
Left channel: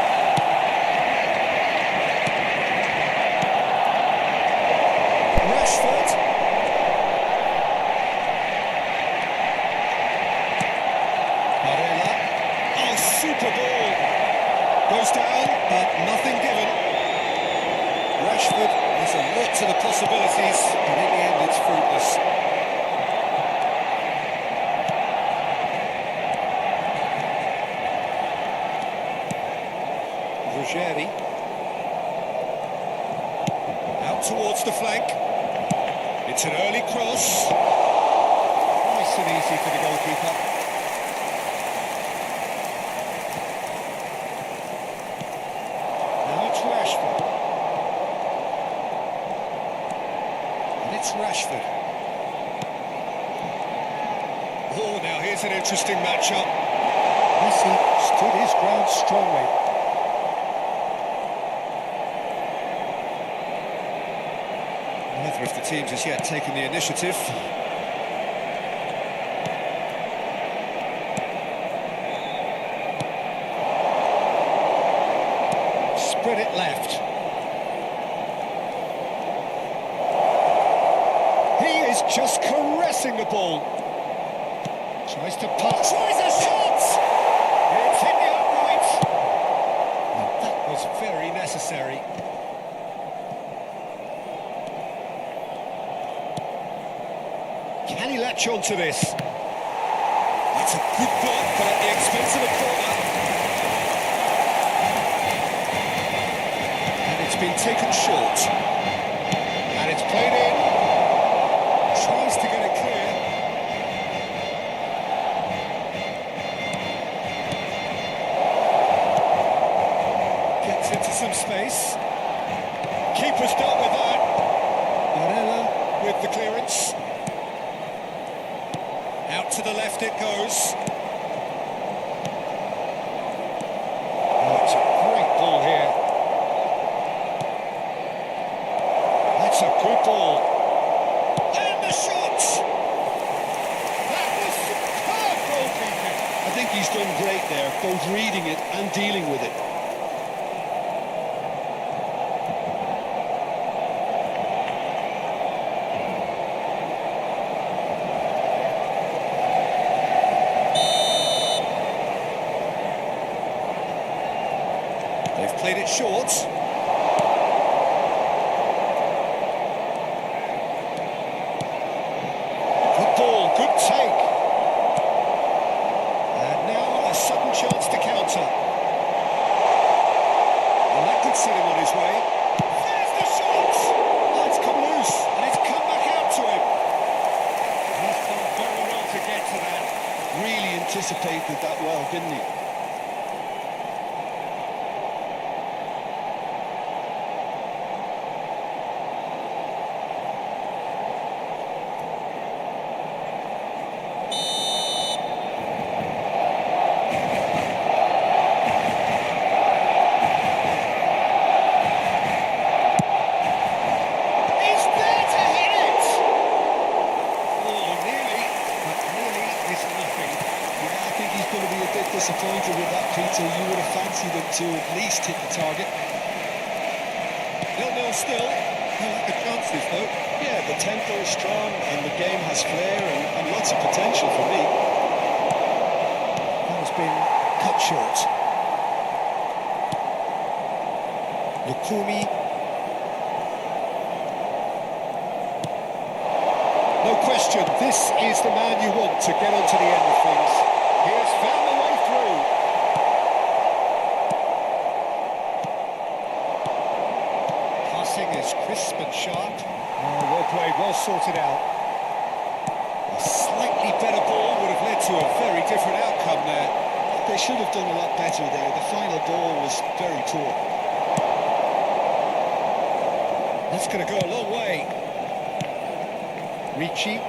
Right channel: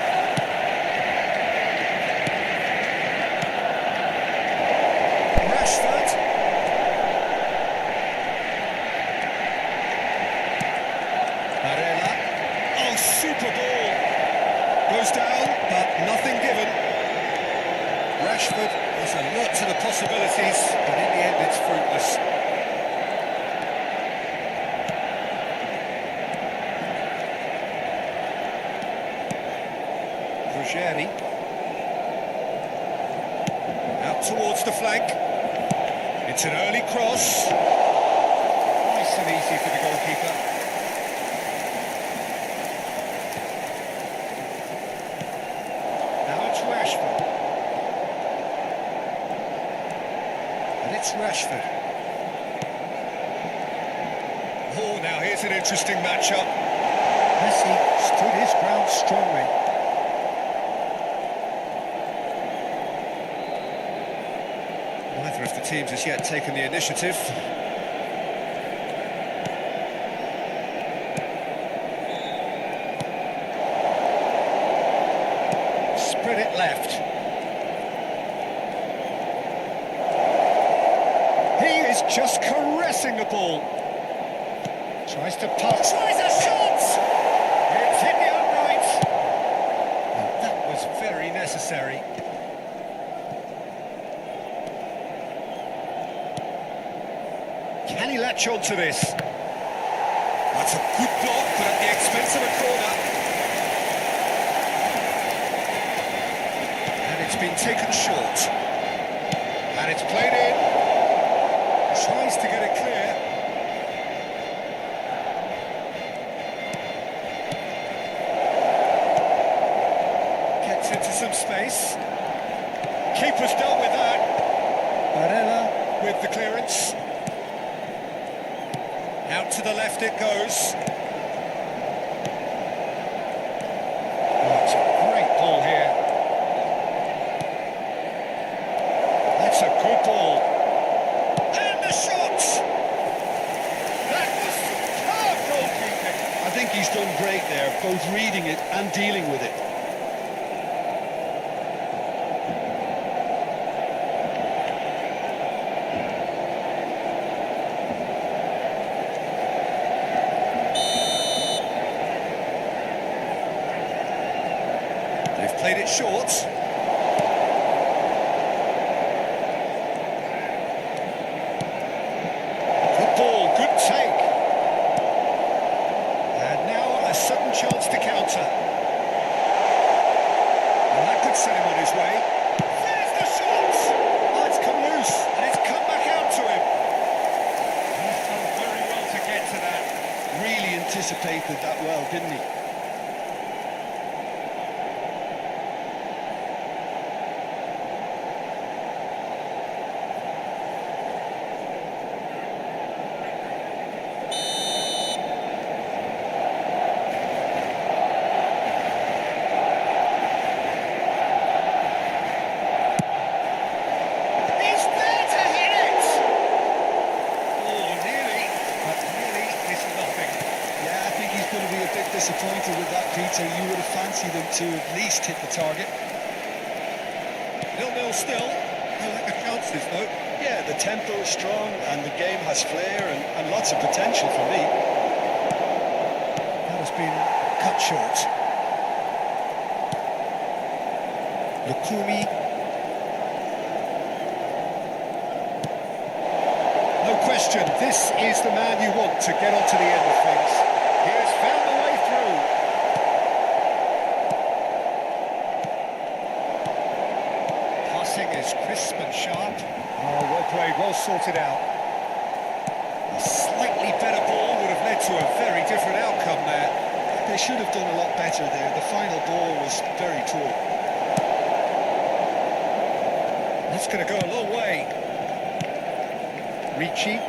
Rashford. Barella. Oh, super ball. Goes down, but nothing given. Rashford has alert to the possibilities, but in the end it's fruitless. Ruggeri. Out towards the flank. It's an early cross. Nice and easy for the goalkeeper. Now it's Rashford. And it's Rashford. Oh, now here's an interesting matchup. Messi stood his ground strongly. Neither of the teams has yet taken the initiative. Spread it left. He is just caressing the ball. Tries to pass. Tries a shot! It's hit the upright. And that was very necessary. Can he latch on to this? That's a good block, but at the expense of a corner. And it's been taken short. And it's played in. Tries to get it clear. Gets into some space. Keeper's dealt with that. Barella with the clearance. Out to the left it goes. Oh, it's a great ball here. That's a good ball. And the shot! That was superb goalkeeping. I think he's done great there, both reading it and dealing with it. They've played it short. Good ball, good take. And now a sudden chance to counter. And that could set him on his way. There's the shot! Oh, it's come loose, and it's come back out to him. He's done very well to get to that. Really anticipated that well, didn't he? He's there to hit it! Oh, nearly, but nearly is nothing. Yeah, I think he's going to be a bit disappointed with that, Peter. You would have fancied him to at least hit the target. 0-0 still. No lack of chances, though. Yeah, the tempo is strong and the game has flair and lots of potential for me. That has been cut short. Lukumi. No question, this is the man you want to get onto the end of things. He has found the way through. Passing is crisp and sharp. Oh, well played, well sorted out. A slightly better ball would have led to a very different outcome there. They should have done a lot better there. The final ball was very poor. That's going to go a long way. Ricci.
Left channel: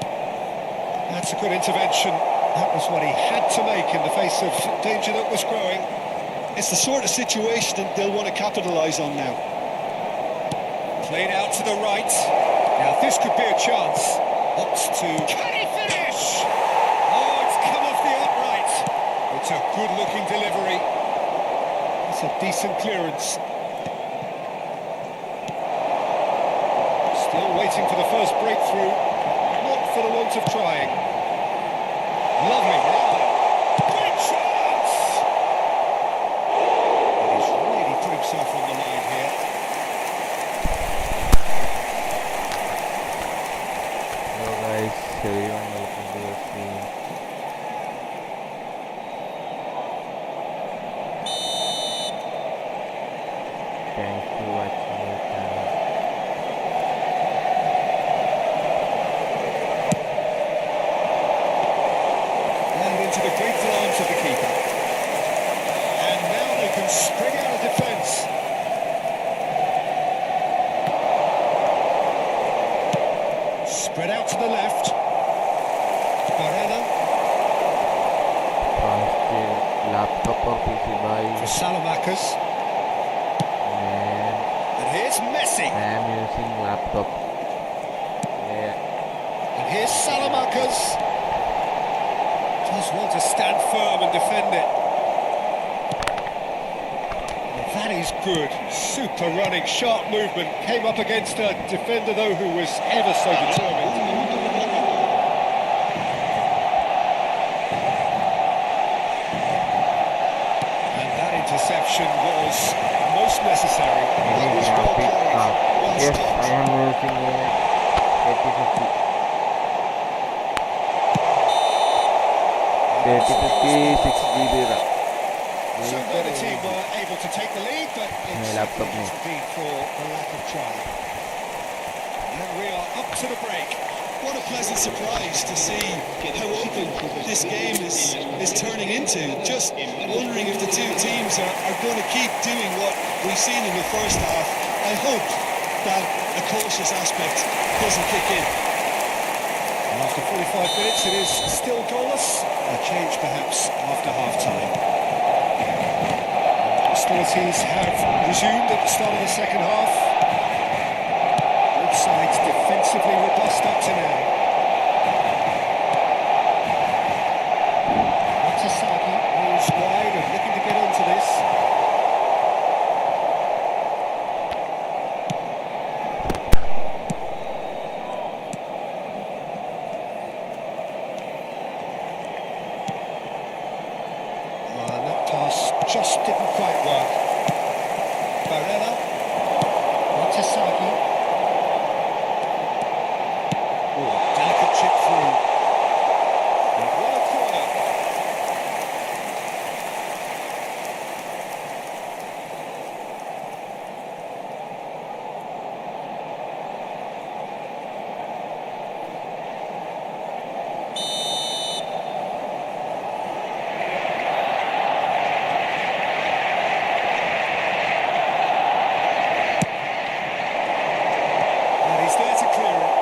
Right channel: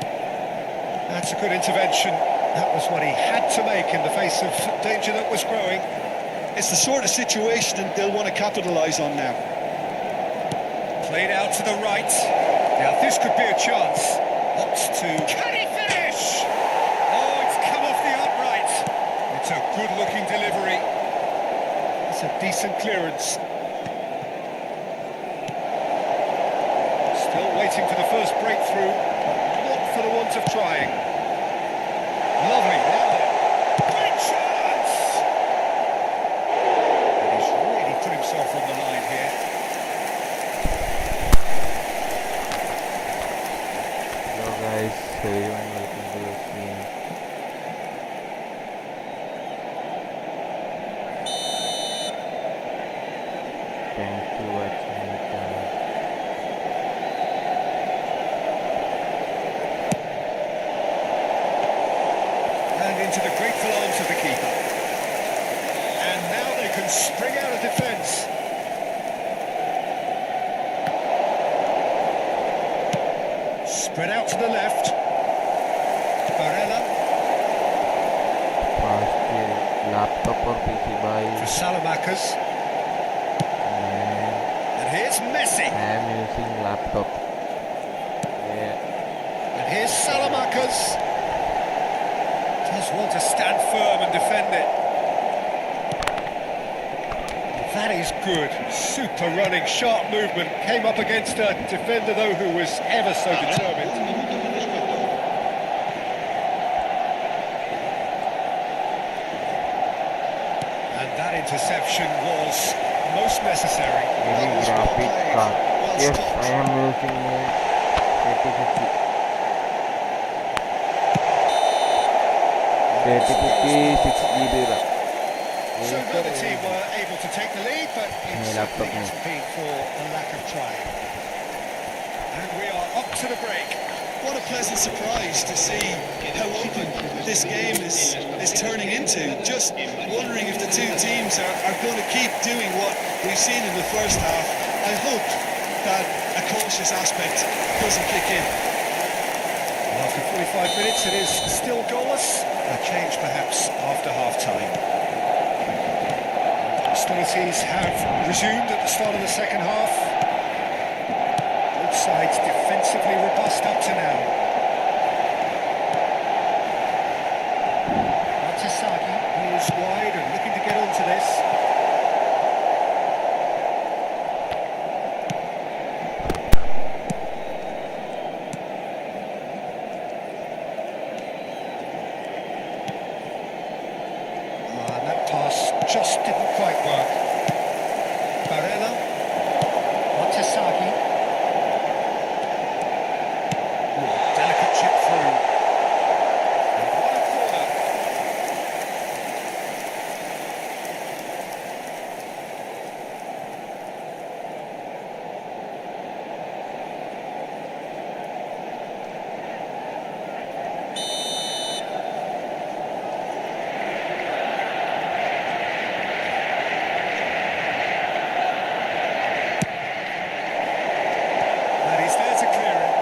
That's a good intervention. That was what he had to make in the face of danger that was growing. It's the sort of situation that they'll want to capitalise on now. Played out to the right. Now this could be a chance. Opts to... Can he finish? Oh, it's come off the upright. It's a good-looking delivery. That's a decent clearance. Still waiting for the first breakthrough, but not for the want of trying. Lovely, now then. Great chance! And he's really put himself on the line here. Hello guys, everyone, welcome to the stream. Thanks for watching my channel. And into the grateful arms of the keeper. And now they can spring out of defence. Spread out to the left. Barella. Fast laptop or PC by For Salamakers. man. And here's Messi. I am using laptop. Yeah. And here's Salamakers. Does well to stand firm and defend it. Well, that is good. Super running, sharp movement. Came up against a defender, though, who was ever so determined. Un minuto de descuento. And that interception was most necessary. Any was well graphic played. card. Well Yes, stopped. I am using a 3050. 3050 6GB RAM. So neither team were able to take the lead, but it My certainly laptop hasn't been for a lack of trying. And we are up to the break. What a pleasant surprise to see how open this game is turning into. Just wondering if the two teams are going to keep doing what we've seen in the first half. I hope that a cautious aspect doesn't kick in. After 45 minutes, it is still goalless. A change perhaps after half-time. And hostilities have resumed at the start of the second half. Both sides defensively robust up to now. Batasagi is wide and looking to get onto this. And that pass just didn't quite work. Barella. Batasagi. Oh, delicate chip through. And what a corner. And he's there to clear it.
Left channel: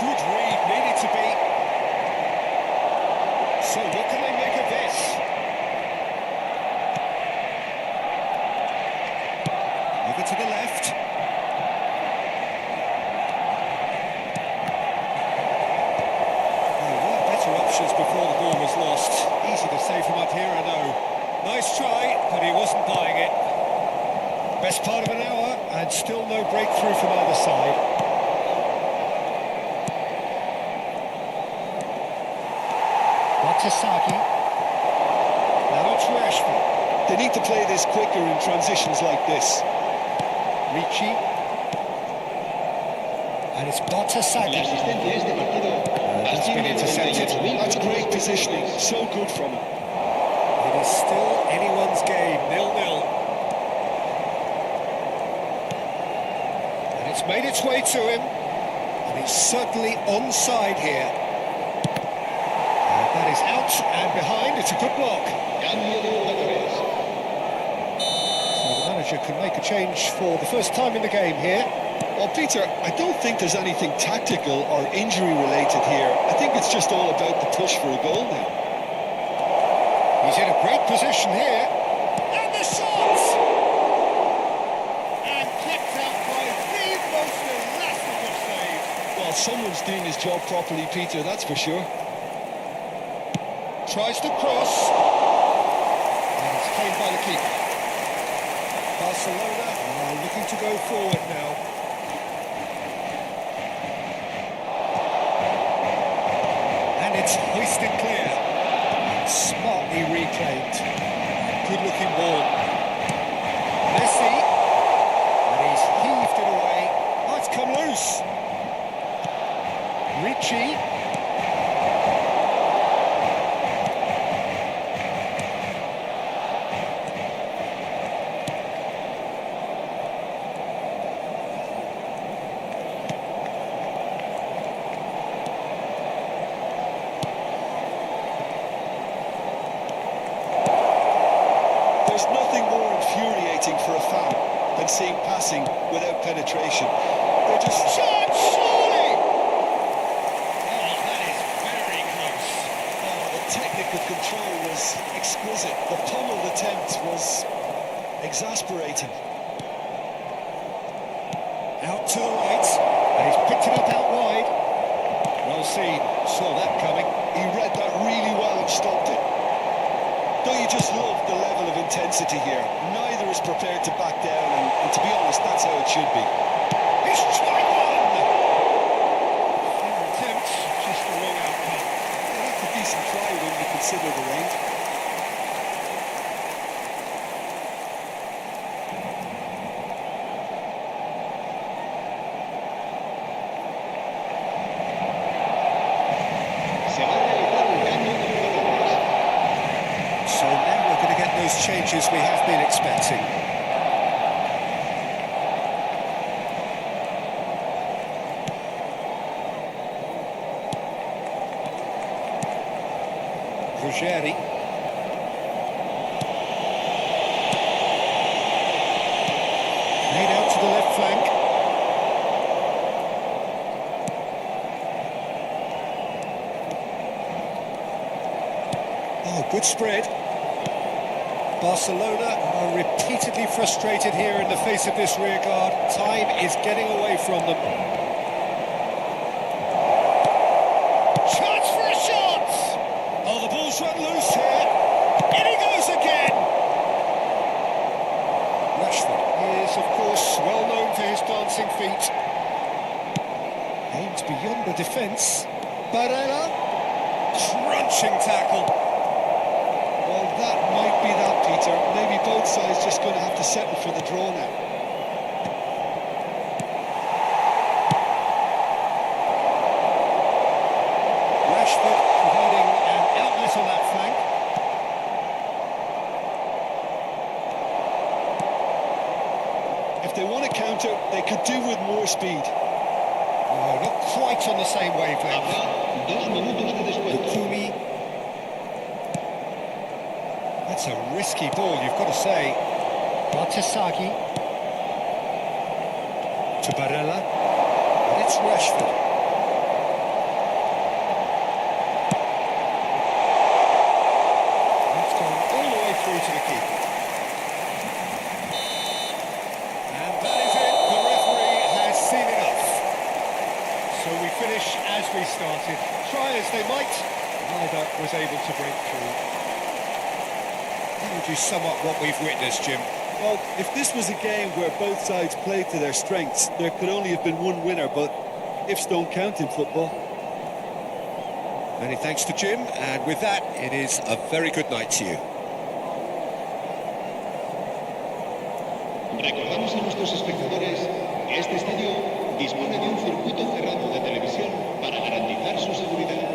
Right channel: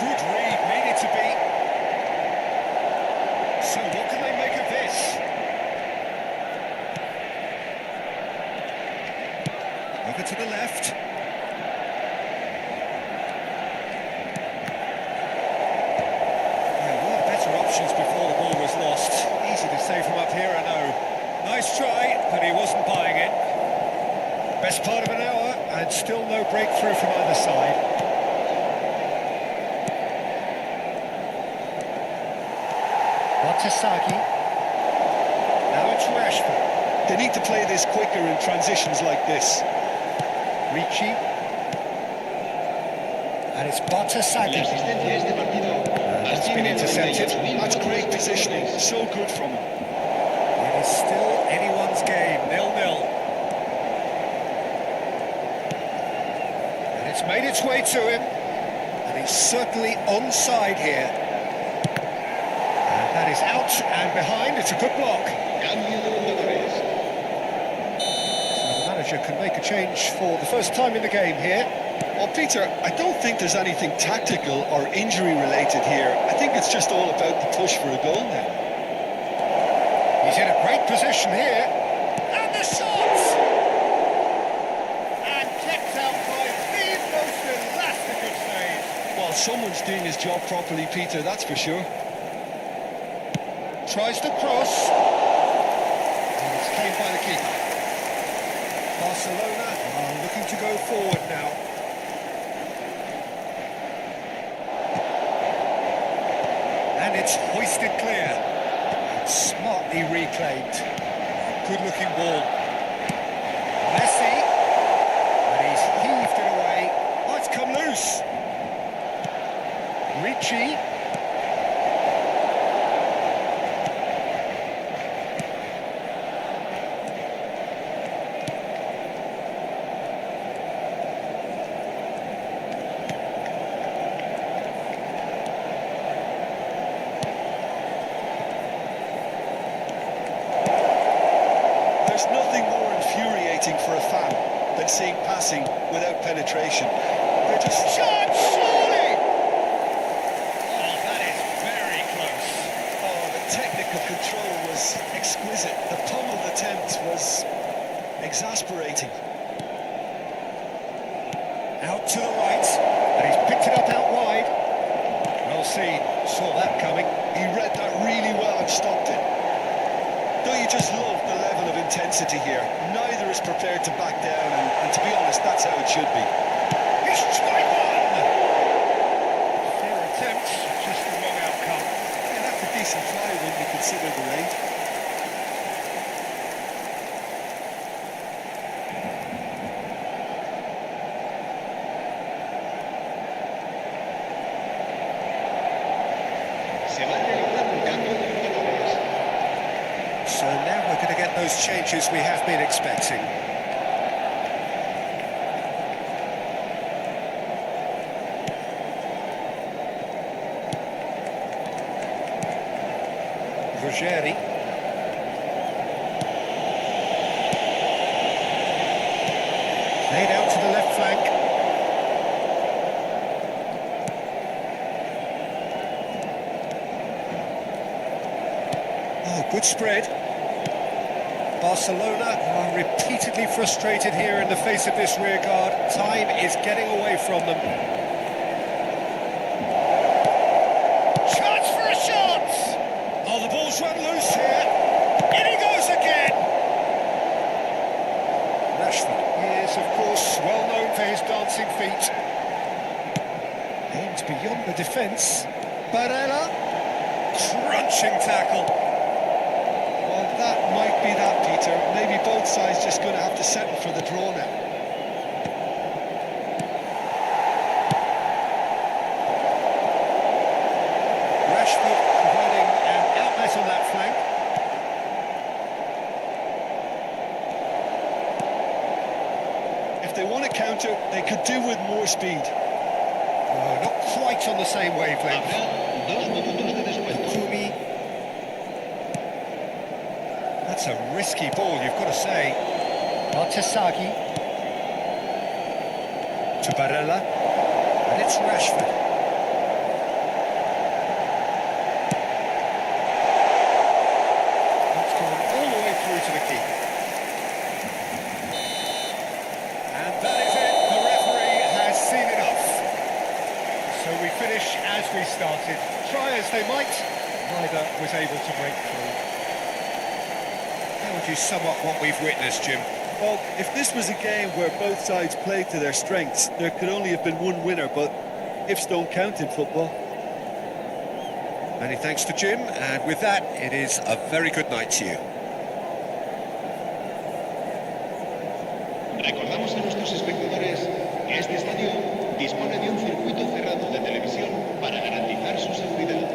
Good read, needed to be. So what can they make of this? Over to the left. There were better options before the ball was lost. Easy to say from up here, I know. Nice try, but he wasn't buying it. Best part of an hour, and still no breakthrough from either side. Batasagi. Now it's Rashford. They need to play this quicker in transitions like this. Ricci. And it's La Batasagi. asistencia a este partido That's been asciende a intercepted. 98.004 That's great positioning. espectadores. So good from him. It is still anyone's game, 0-0. And it's made its way to him. And he's certainly onside here. And that is out and behind. It's a good block. Cambio de jugadores. So the manager can make a change for the first time in the game here. Well, Peter, I don't think there's anything tactical or injury related here. I think it's just all about the push for a goal now. He's in a great position here. And the shot! And kept out by the most elastic of saves. Well, someone's doing his job properly, Peter, that's for sure. Tries to cross. And it's claimed by the keeper. Barcelona are looking to go forward now. And it's hoisted clear. And smartly reclaimed. Oh, good-looking ball. Messi. And he's heaved it away. Oh, it's come loose. Ricci. There's nothing more infuriating for a fan than seeing passing without penetration. They're just... Shot, surely! Oh, that is very close. Oh, the technical control was exquisite. The pummeled attempt was exasperating. Out to the right, and he's picked it up out wide. Well seen, saw that coming. He read that really well and stopped it. Don't you just love the level of intensity here? Neither is prepared to back down, and to be honest, that's how it should be. He's tried one! Fair attempt, just the wrong outcome. Yeah, that's a decent try when you consider the range. Se va a realizar un cambio de jugadores. So now we're going to get those changes we have been expecting. Ruggeri. Played out to the left flank. Oh, good spread. Barcelona are repeatedly frustrated here in the face of this rear guard. Time is getting away from them. Chance for a shot! Oh, the ball's run loose here. In he goes again! Rashford is, of course, well known for his dancing feet. Aimed beyond the defence. Barella. Crunching tackle. Well, that might be that, Peter. Maybe both sides just going to have to settle for the draw now. Rashford providing an outlet on that flank. If they want to counter, they could do with more speed. No, not quite on the same wavelength. Habrá 2 minutos de descuento. Lukumi. That's a risky ball, you've got to say. Batasagi. To Barella. And it's Rashford. It's gone all the way through to the keeper. And that is it. The referee has seen enough. So we finish as we started. Try as they might, neither was able to break through. How would you sum up what we've witnessed, Jim? Well, if this was a game where both sides played to their strengths, there could only have been one winner, but ifs don't count in football. Many thanks to Jim, and with that, it is a very good night to you. Recordamos a nuestros espectadores que este estadio dispone de un circuito cerrado de televisión para garantizar su seguridad.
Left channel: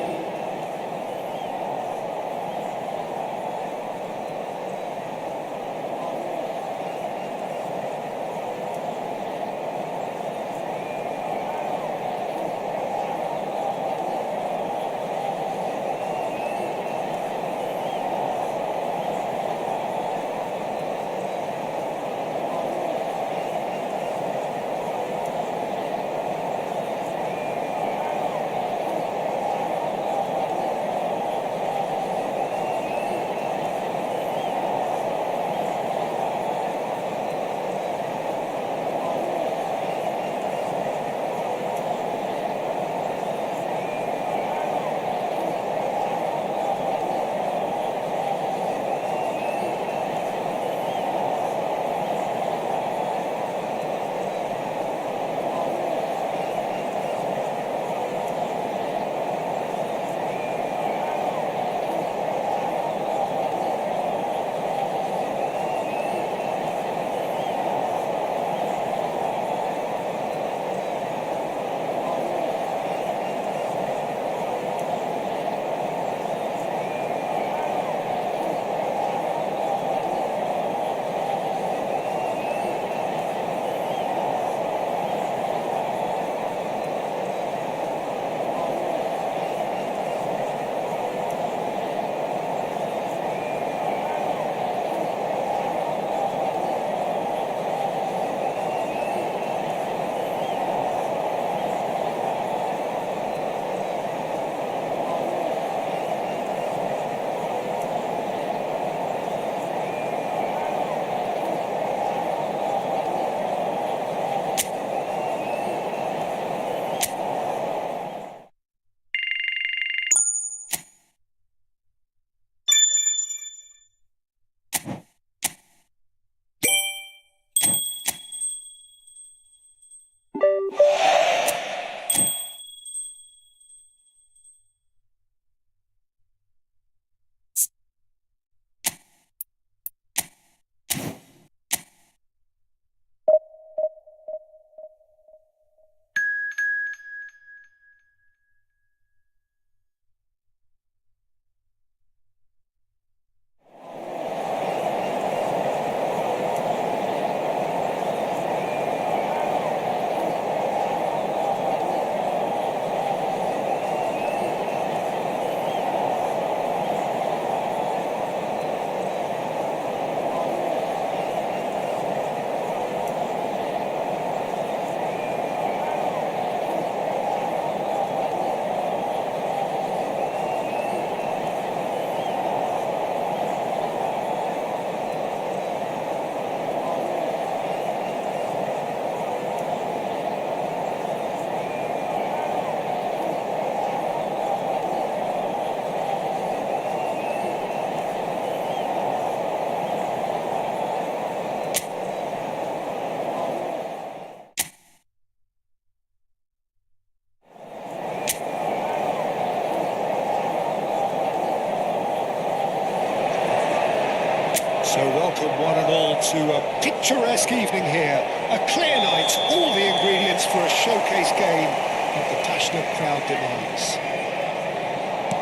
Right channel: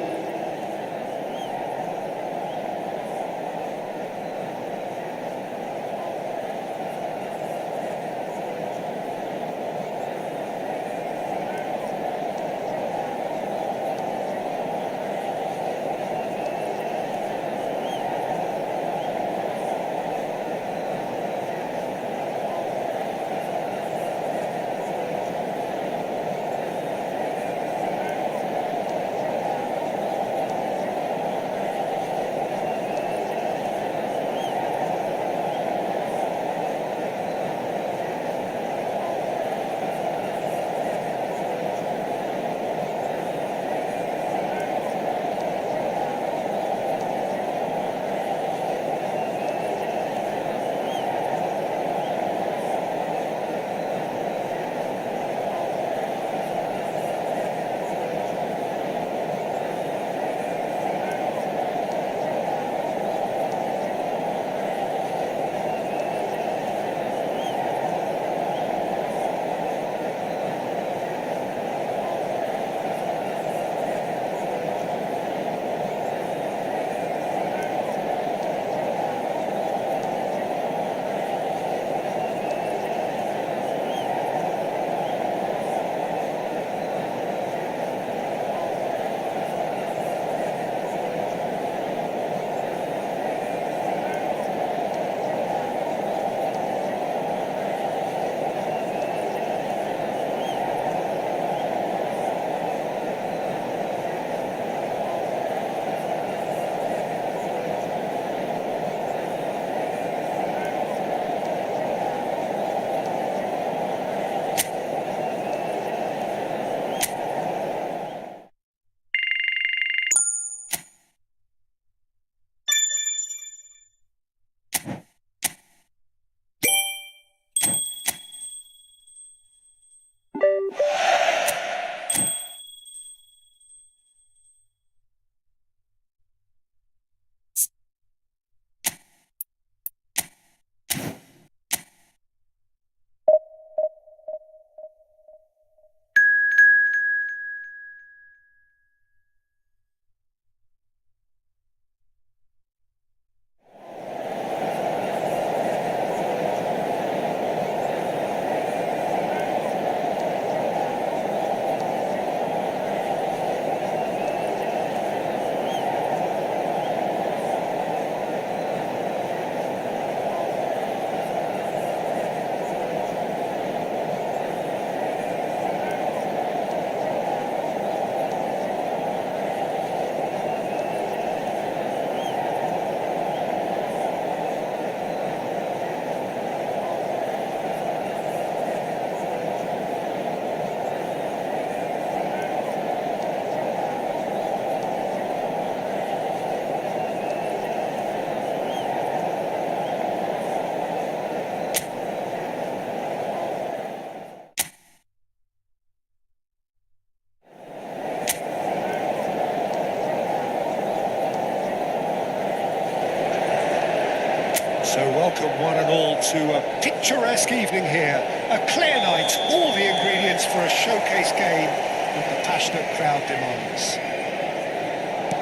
So welcome one and all to a picturesque evening here. A clear night, all the ingredients for a showcase game that the passionate crowd demands.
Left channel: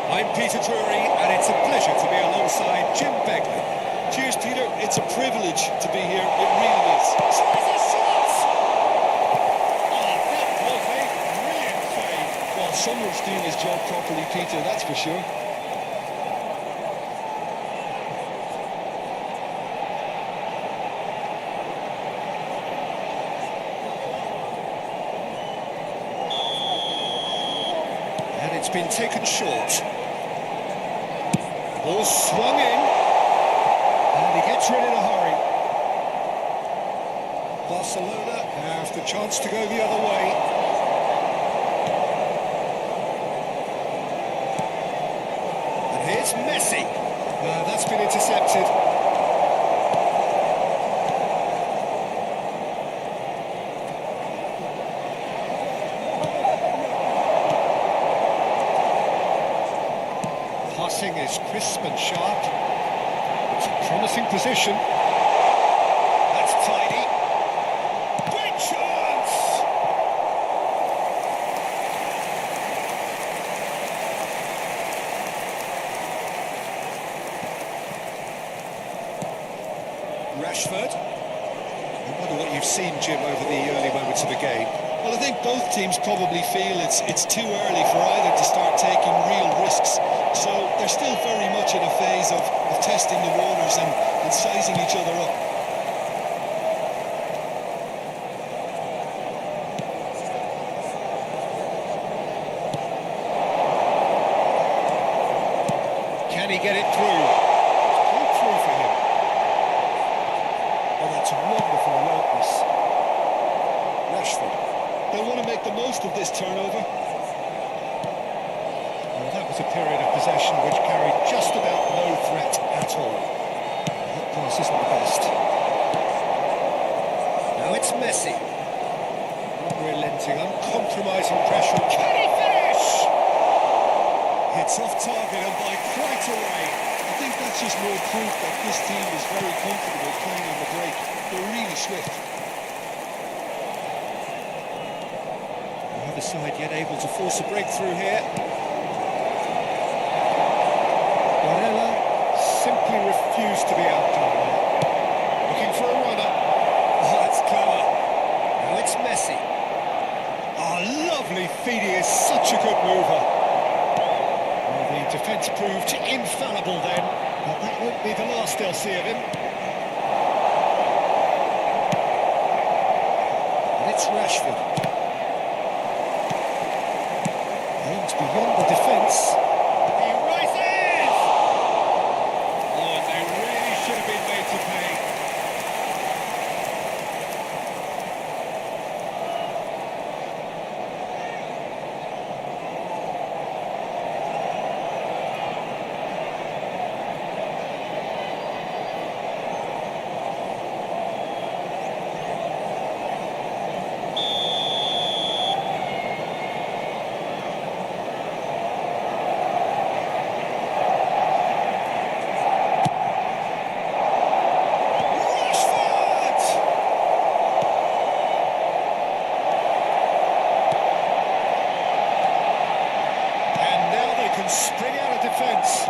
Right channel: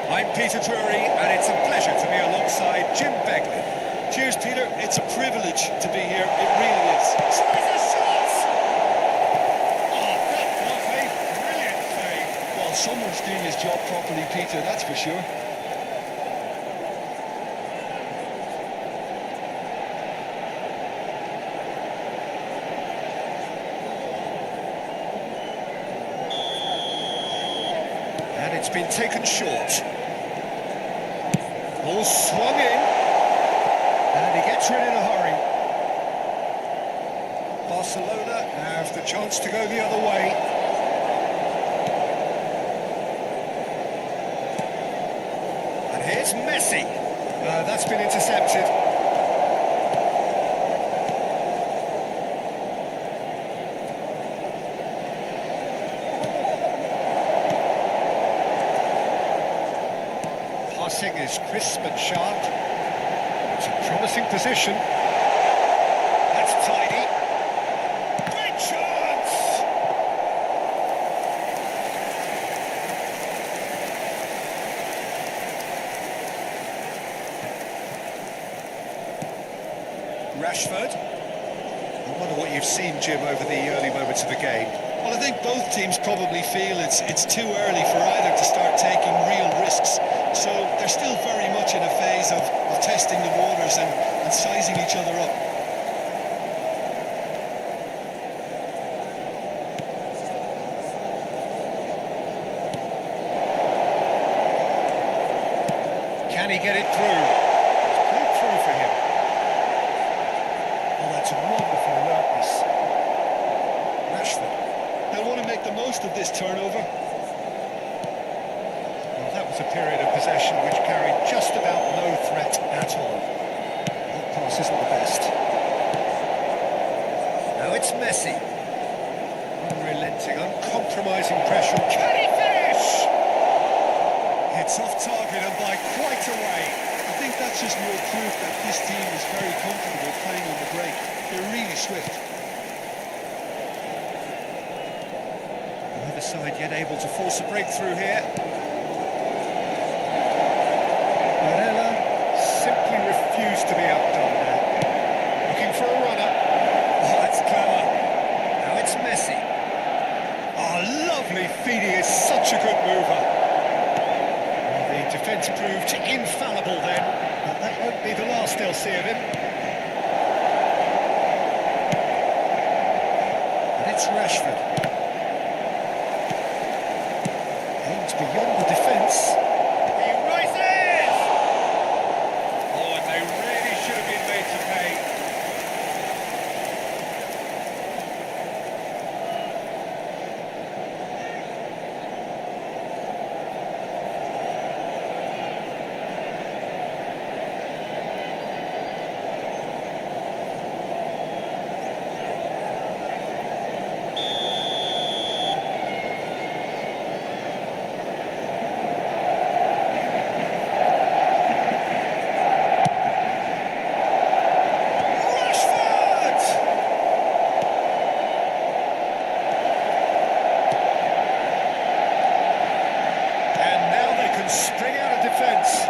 I'm Peter Drury, and it's a pleasure to be alongside Jim Beglin. Cheers, Peter. It's a privilege to be here. It really is. Tries a shot! Oh, that was a brilliant save. Well, someone's doing his job properly, Peter, that's for sure. And it's been taken short. Ball swung in. And he gets rid in a hurry. Barcelona have the chance to go the other way. And here's Messi. No, that's been intercepted. Passing is crisp and sharp. It's a promising position. That's tidy. Great chance! Rashford. I wonder what you've seen, Jim, over the early moments of the game. Well, I think both teams probably feel it's too early for either to start taking real risks. So they're still very much in a phase of testing the waters and sizing each other up. Can he get it through? It's played through for him. Oh, that's wonderful alertness. Rashford. They'll want to make the most of this turnover. Well, that was a period of possession which carried just about no threat at all. Well, that pass isn't the best. Now it's Messi. Unrelenting, uncompromising pressure. Can he finish? It's off target and by quite a way. I think that's just more proof that this team is very comfortable playing on the break. They're really swift. Neither side yet able to force a breakthrough here. Barella simply refused to be outdone there. Looking for a runner. Oh, that's clever. Now it's Messi. Oh, lovely feed. He is such a good mover. Well, the defence proved infallible then, but that won't be the last they'll see of him. And it's Rashford. Aimed beyond the defence. He rises! Oh, and they really should have been made to pay. And now they can spring out of defence.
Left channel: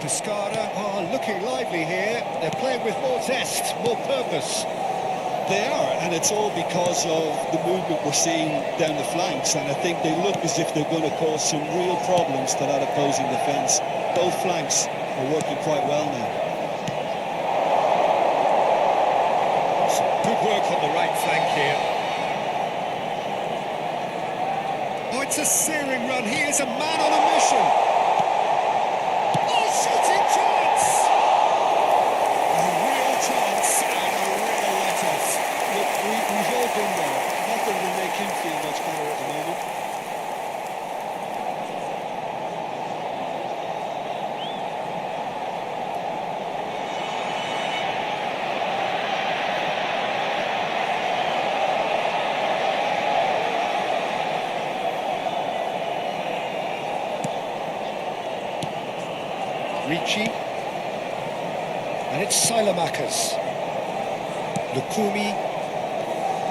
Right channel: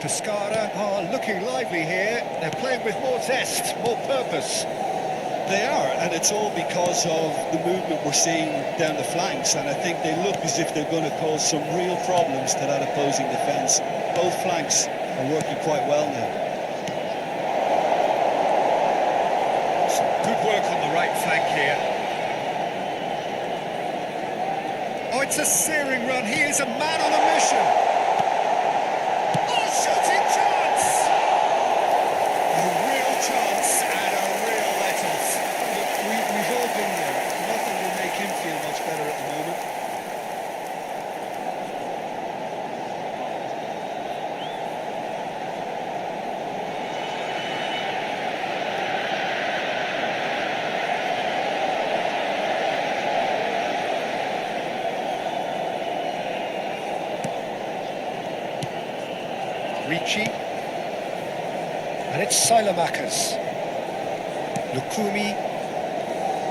Pescara are looking lively here. They're playing with more zest, more purpose. They are, and it's all because of the movement we're seeing down the flanks, and I think they look as if they're going to cause some real problems to that opposing defence. Both flanks are working quite well now. Some good work on the right flank here. Oh, it's a searing run. He is a man on a mission. Oh, shooting chance! A real chance and a real let-off. Look, we've all been there. Nothing will make him feel much better at the moment. Ricci. And it's Silamakers. Lukumi.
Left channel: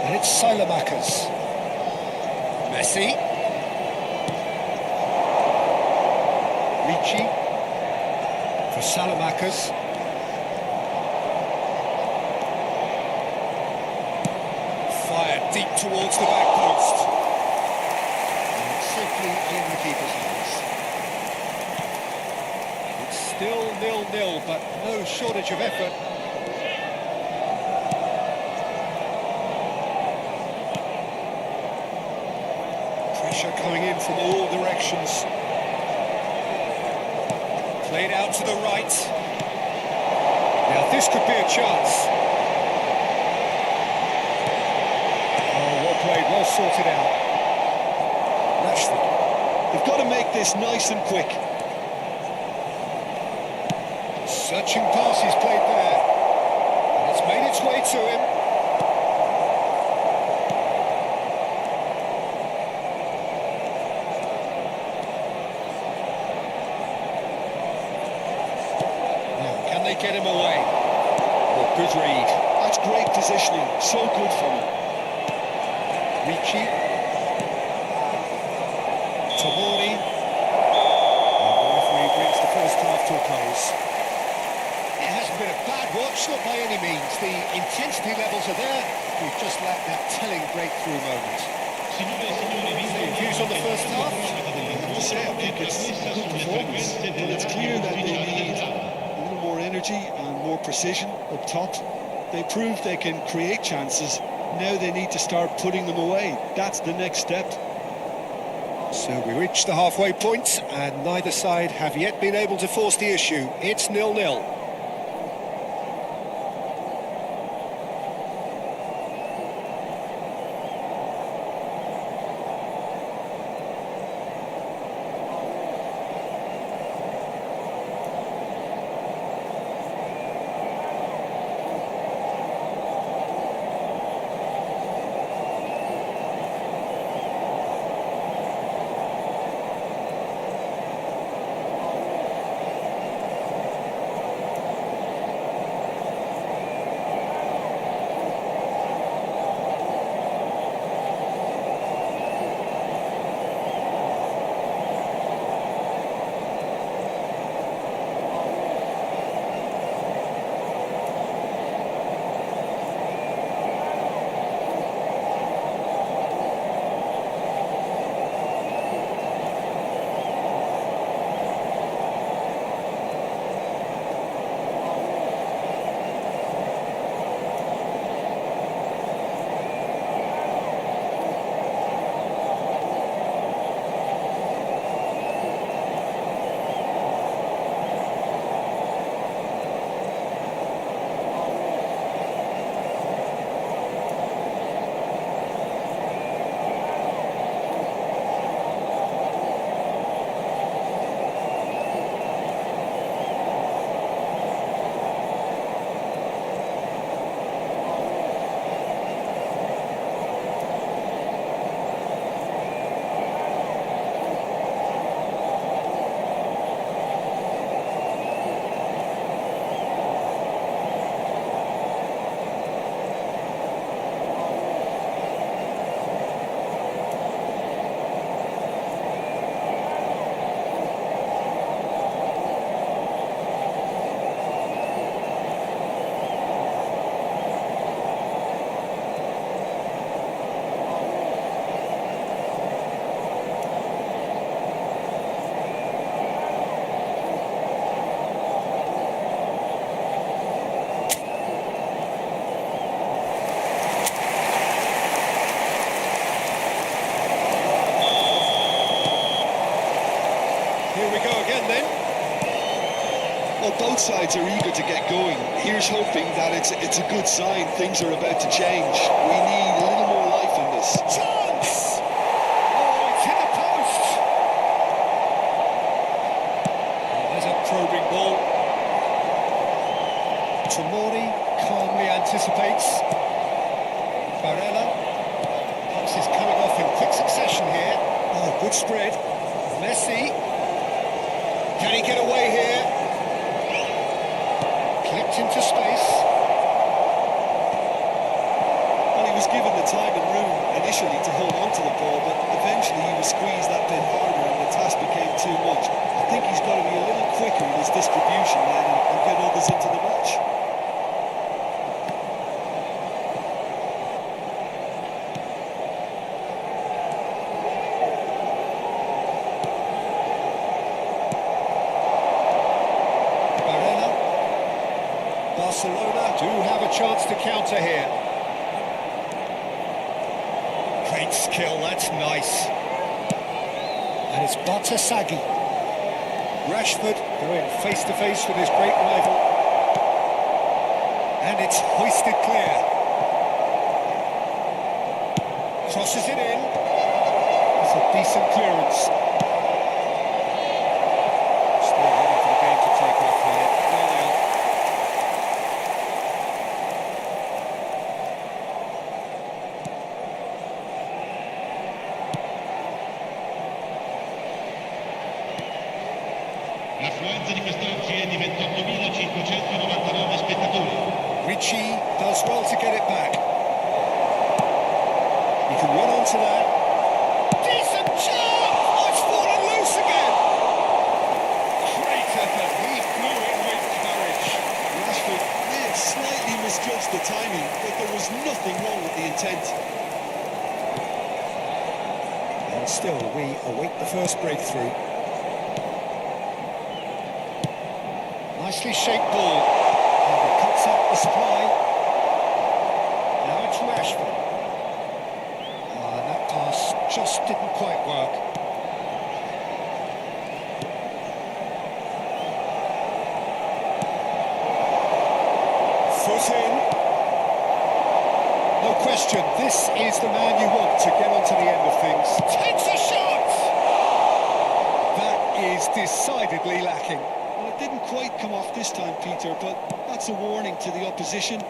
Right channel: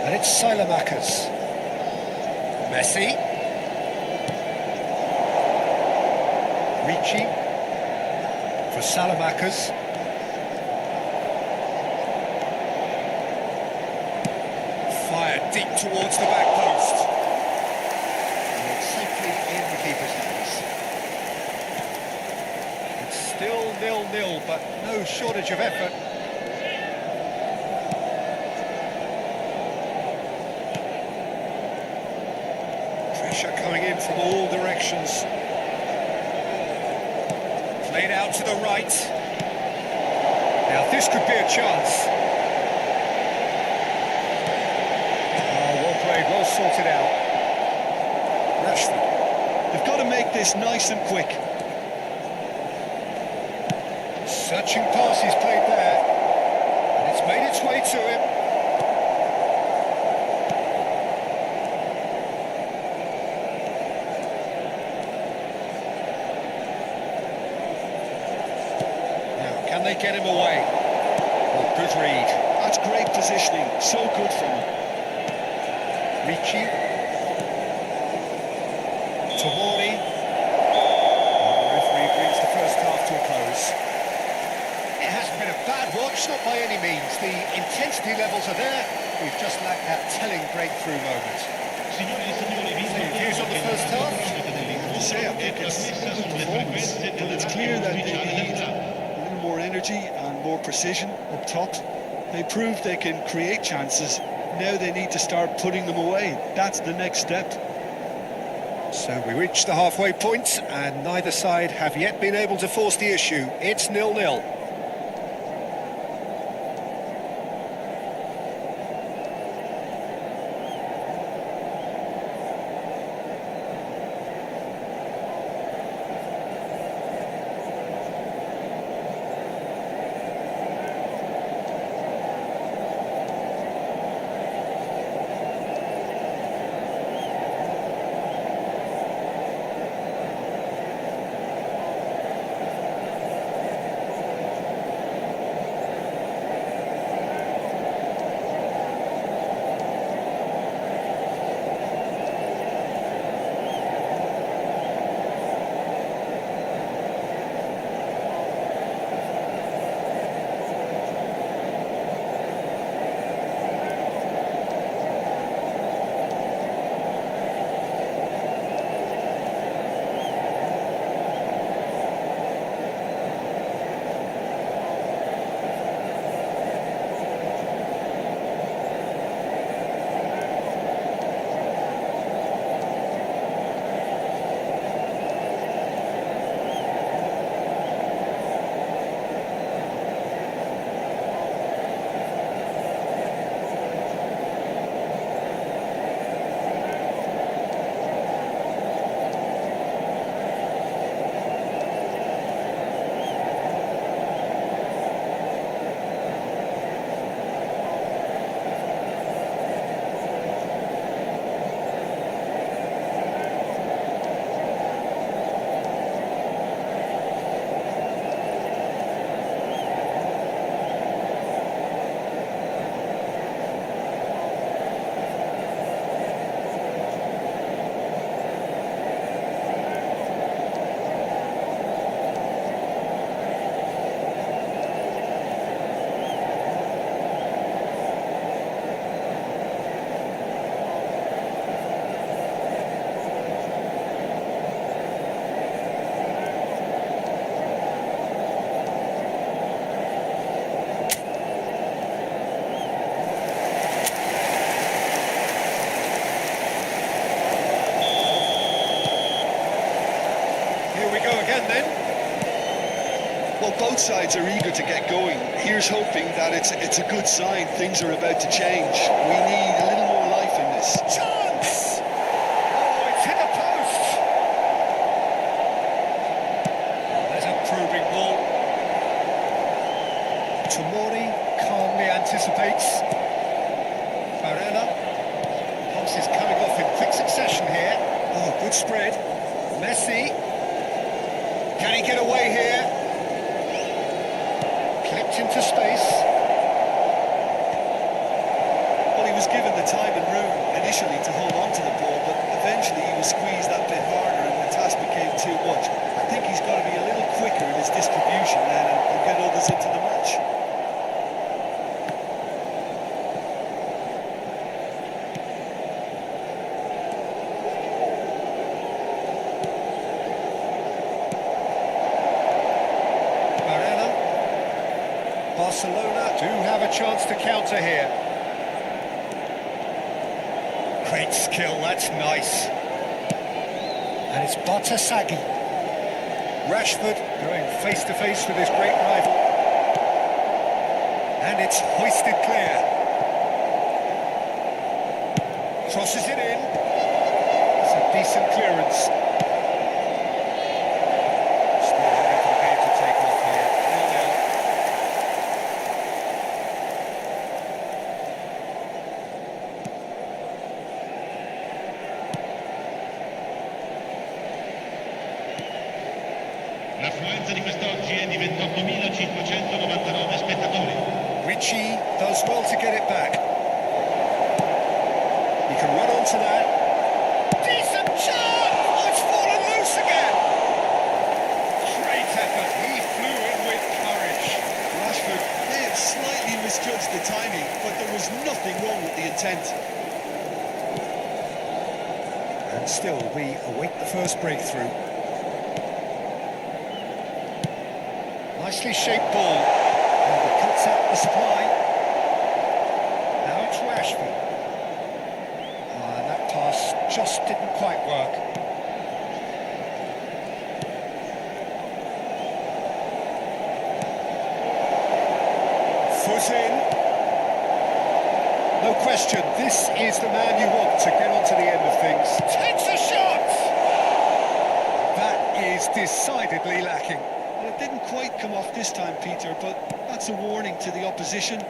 And it's Silamakers. Messi. Ricci. For Salamakers. Fired deep towards the back post. And it's safely in the keeper's hands. It's still 0-0, but no shortage of effort. Pressure coming in from all directions. Played out to the right. Now this could be a chance. Oh, well played, well sorted out. Rashford. They've got to make this nice and quick. Searching pass he's played there. And it's made its way to him. Now, can they get him away? Oh, good read. That's great positioning, so good from him. Ricci. Tomori. And the referee brings the first half to a close. It hasn't been a bad watch, not by any means. The intensity levels are there. We've just lacked that telling breakthrough moment. Views on the first half? I have to say, I think it's a good performance, but it's clear that they need a little more energy and more precision up top. They proved they can create chances. Now they need to start putting them away. That's the next step. So we reach the halfway point, and neither side have yet been able to force the issue. It's 0-0. Here we go again then. Well, both sides are eager to get going. Here's hoping that it's a good sign. Things are about to change. We need a little more life in this. Chance! Oh, it's hit the post. Oh, there's a probing ball. Tomori calmly anticipates. Barella. Pass is coming off in quick succession here. Oh, good spread. Messi. Can he get away here? Clipped into space. Well, he was given the time and room initially to hold on to the ball, but eventually he was squeezed that bit harder and the task became too much. I think he's got to be a little quicker in his distribution then and get others into the match. Barella. Barcelona do have a chance to counter here. Great skill, that's nice. And it's Bartasaghi. Rashford going face to face with his great rival. And it's hoisted clear. Crosses it in. That's a decent clearance. Still waiting for the game to take off here. 0-0. L'affluenza di quest'oggi è di 28.599 spettatori. Ricci does well to get it back. He can run onto that. Decent chance! Oh, it's fallen loose again! Great effort. He flew in with courage. Rashford may have slightly misjudged the timing, but there was nothing wrong with the intent. And still, we await the first breakthrough. Nicely shaped ball. And he cuts out the supply. Now it's Rashford. And that pass just didn't quite work. Foot in. No question, this is the man you want to get onto the end of things. Takes a shot! That is decidedly lacking. Well, it didn't quite come off this time, Peter, but that's a warning to the opposition.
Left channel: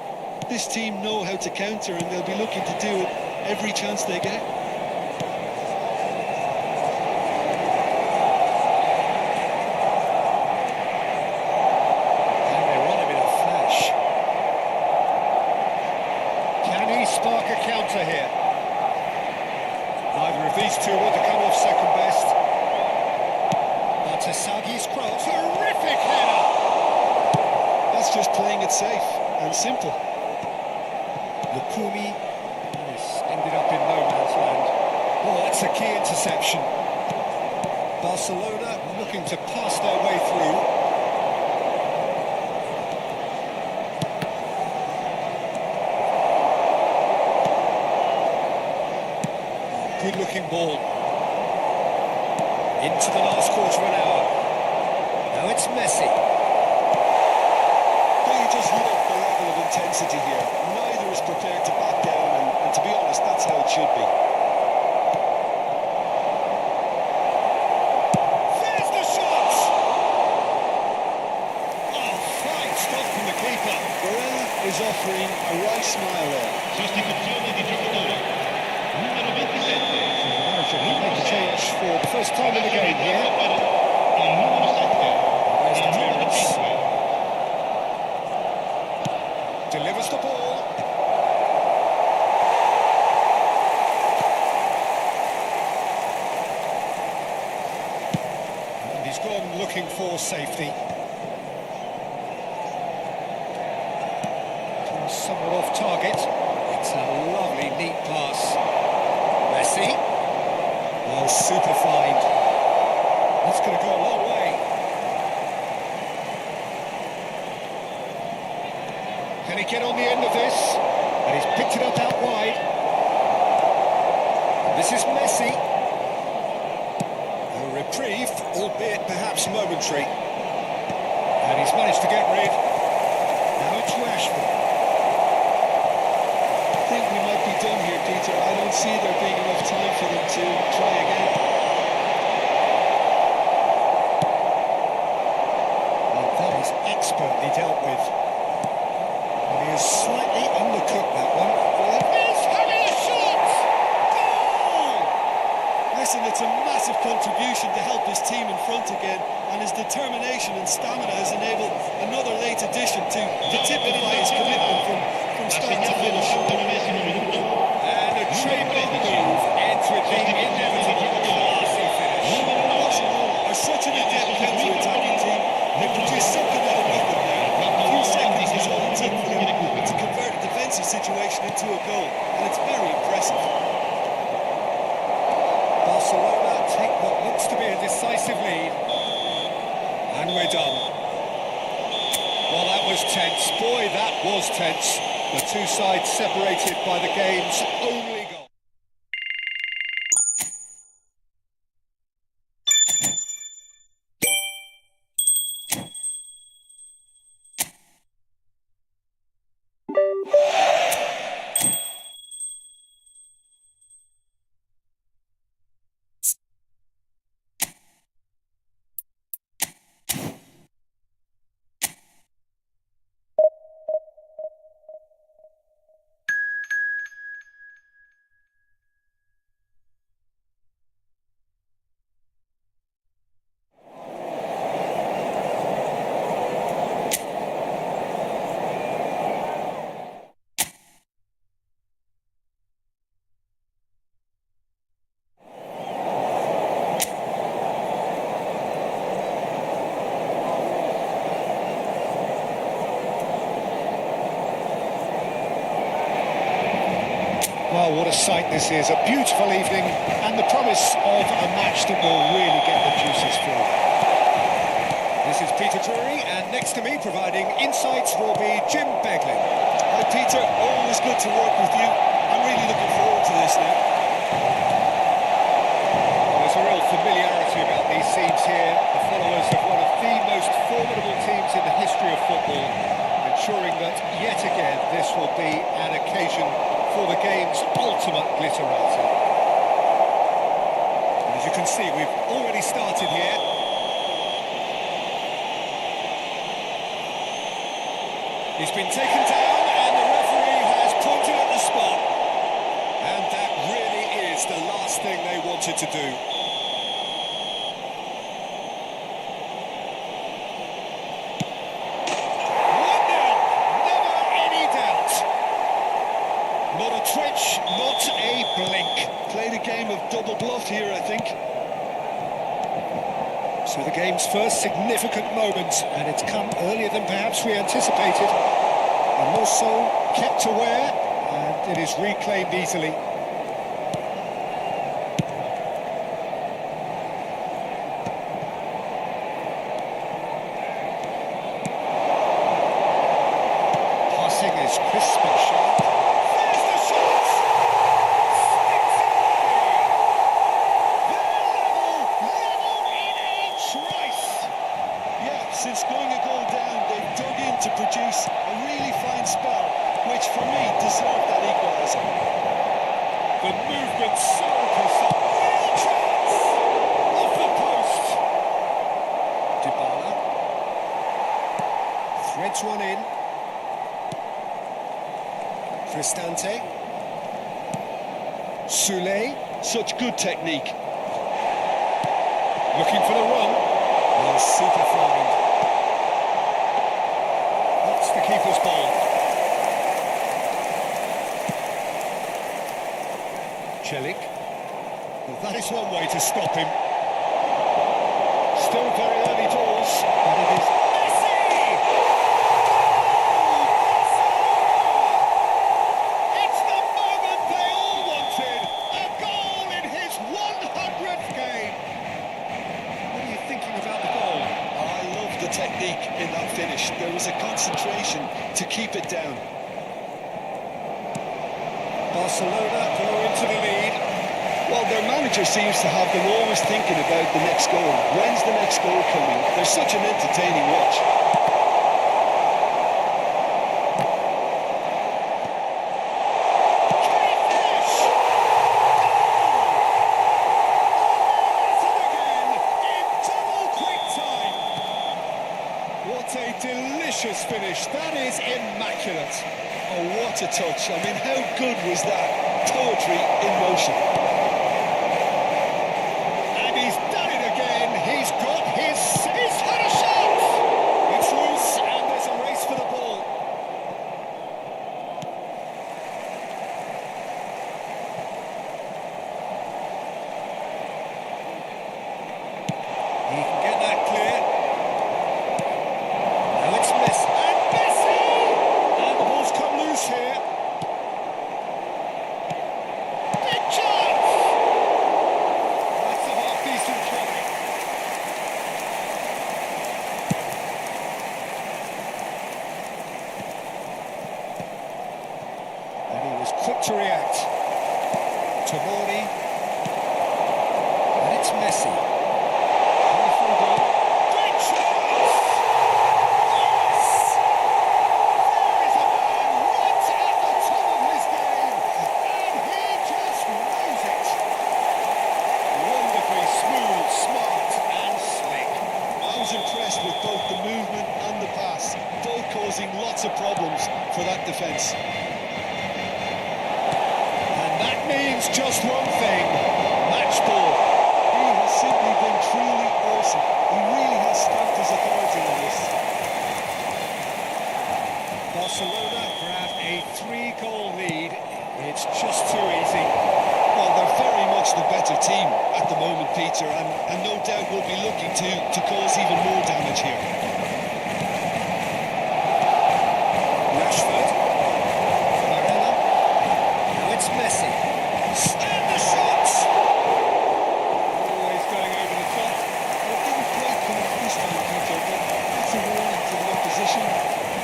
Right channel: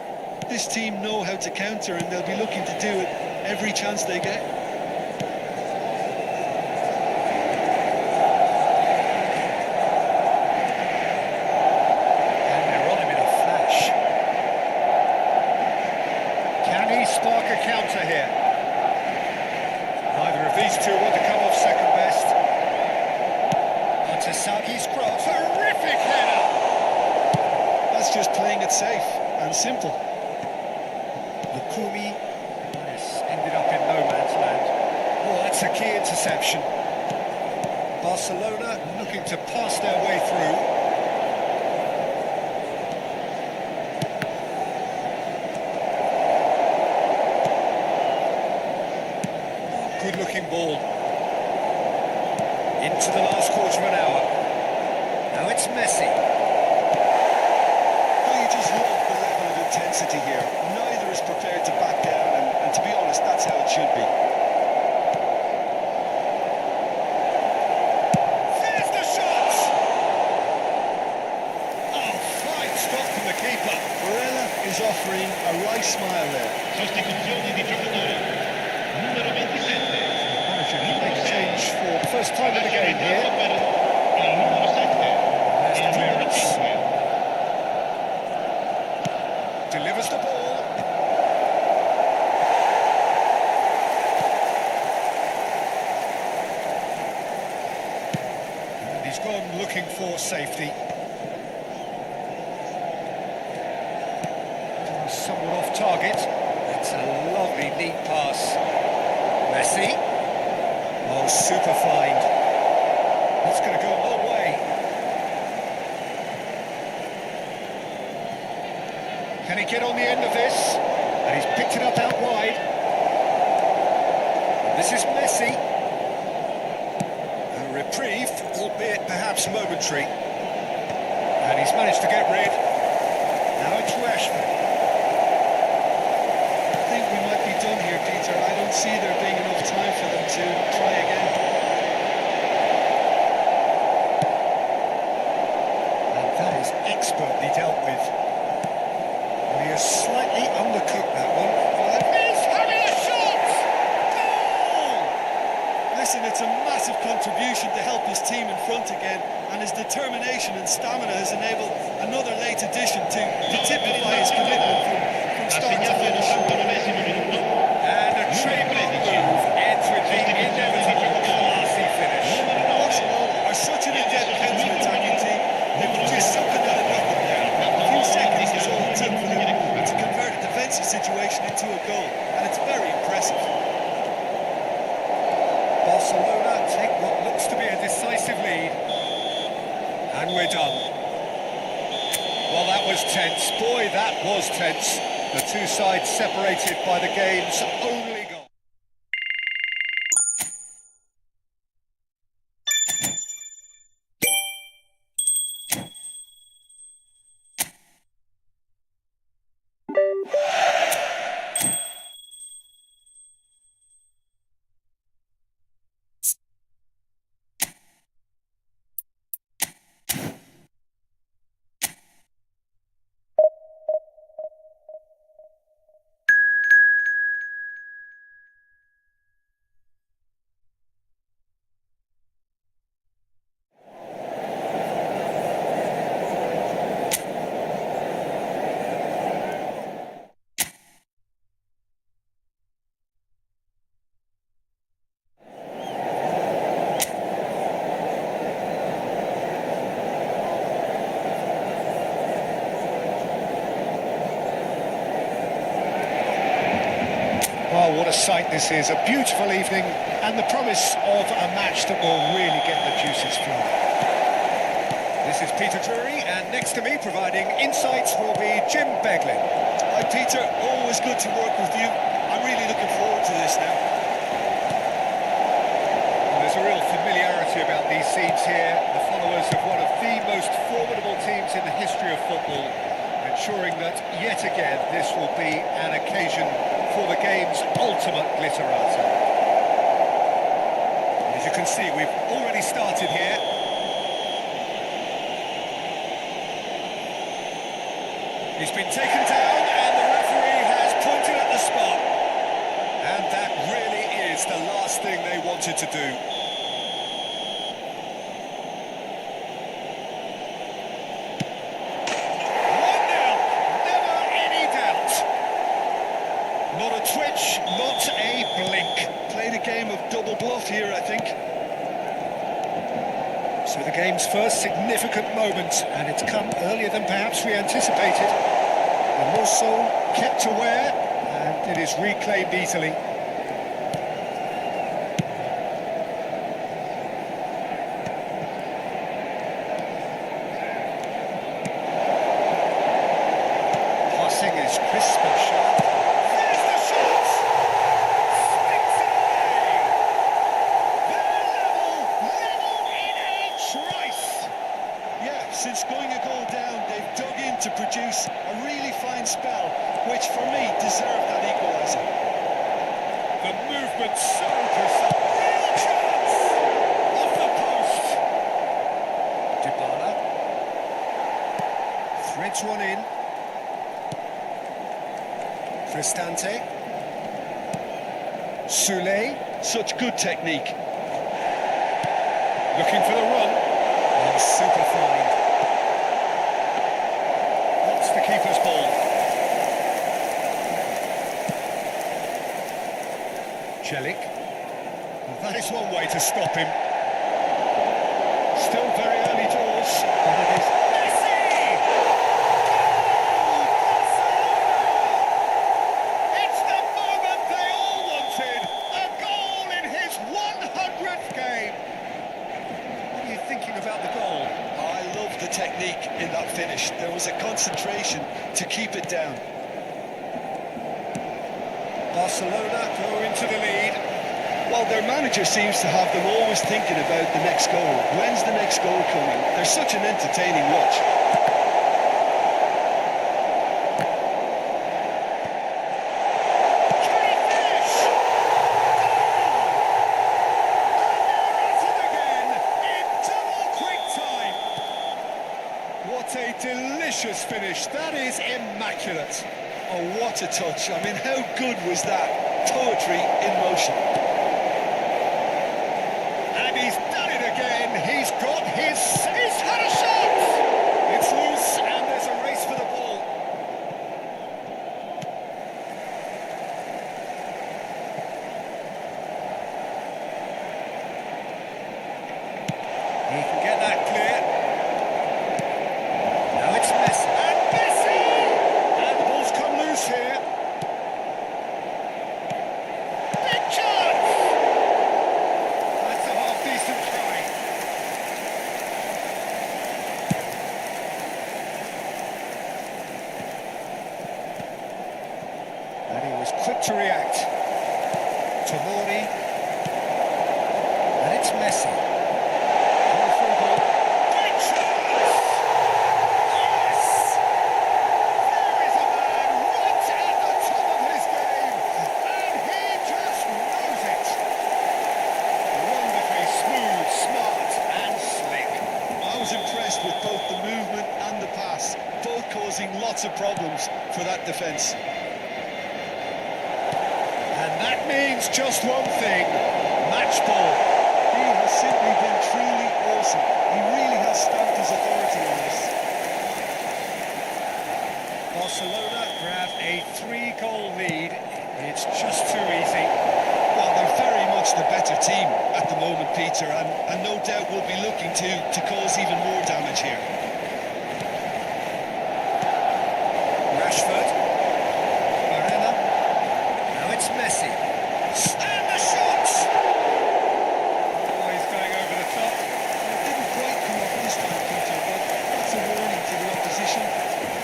This team know how to counter, and they'll be looking to do it every chance they get. And they're on him in a flash. Can he spark a counter here? Neither of these two want to come off second best. Tasagi's cross, terrific header! That's just playing it safe and simple. Lukumi, that has ended up in no man's land. Oh, that's a key interception. Barcelona looking to pass their way through. Oh, good-looking ball. Into the last quarter of an hour. Now it's Messi. Don't you just love the level of intensity here? Neither is prepared to back down, and to be honest, that's how it should be. There's the shot! Oh, fine stop from the keeper. Varela is offering a right smile there. Sostituzione di giocatori. Numero 27. So the manager can make a change for the first time in the game here. Il numero 7. There's the clearance. Delivers the ball. And he's gone looking for safety. Pass somewhat off target. It's a lovely, neat pass. Messi. Oh, super find. That's going to go a long way. Can he get on the end of this? And he's picked it up out wide. And this is Messi. A reprieve, albeit perhaps momentary. And he's managed to get rid. Now it's Rashford. I think we might be done here, Peter. I don't see there being enough time for them to try again. And that is expertly dealt with. And he has slightly undercooked that one. Well, he's having a shot! Goal! Listen, it's a massive contribution to help his team in front again, and his determination and stamina has enabled another late addition to typify his commitment from start to finish. And a trademark move ends with the inevitable classy finish. Barcelona are such an adept counter-attacking team. They produced something out of nothing there. A few seconds is all it took for them to convert a defensive situation into a goal, and it's very impressive. Barcelona take what looks to be a decisive lead. And we're done. Well, that was tense. Boy, that was tense. The two sides separated by the game's only goal. Well, what a sight this is. A beautiful evening and the promise of a match that will really get the juices flowing. This is Peter Drury, and next to me providing insights will be Jim Beglin. Hi Peter, always good to work with you. I'm really looking forward to this now. Well, there's a real familiarity about these scenes here. The followers of one of the most formidable teams in the history of football, ensuring that yet again this will be an occasion for the game's ultimate glitterati. And as you can see, we've already started here. He's been taken down and the referee has pointed at the spot. And that really is the last thing they wanted to do. Never any doubt. Not a twitch, not a blink. Played a game of double bluff here, I think. So the game's first significant moment, and it's come earlier than perhaps we anticipated. And Musso kept aware, and it is reclaimed easily. Passing is crisp and sharp. There's the shot! Sticks it away! They're level in a trice! Yeah, since going a goal down, they've dug in to produce a really fine spell, which for me deserved that equaliser. The movement so precise. Real chance! Off the post. Dybala. Threads one in. Cristante. Soulé. Such good technique. Looking for the run. Oh, super find. That's the keeper's ball. Celik. Well, that is one way to stop him. Still very early doors, but it is Messi! Goal! Barcelona! It's the moment they all wanted. A goal in his 100th game. What are you thinking about the goal? Oh, I love the technique in that finish. There was a concentration to keep it down. Barcelona go into the lead. Well, their manager seems to have them always thinking about the next goal. When's the next goal coming? They're such an entertaining watch. Can he finish? Goal! And they're at it again in double quick time. What a delicious finish. That is immaculate. Oh, what a touch. I mean, how good was that? Poetry in motion. And he's done it again. He's got he's had a shot. It's loose and there's a race for the ball. He can get that clear. Now it's Messi. And Messi! And the ball's come loose here. Big chance! That's a half-decent try. And he was quick to react. Tomori. And it's Messi. On the through ball. Great chance! Yes! There is a man right at the top of his game, and he just knows it. Wonderfully smooth, smart and slick. I was impressed with both the movement and the pass, both causing lots of problems for that defence. And that means just one thing, match ball. He has simply been truly awesome. He really has stamped his authority on this. Barcelona grab a 3-goal lead. It's just too easy. Well, they're very much the better team at the moment, Peter, and no doubt will be looking to cause even more damage here. Rashford. Barella. Now it's Messi. And the shots! Always going over the top. Well, it didn't quite come off this time, Peter, but that's a warning to the opposition.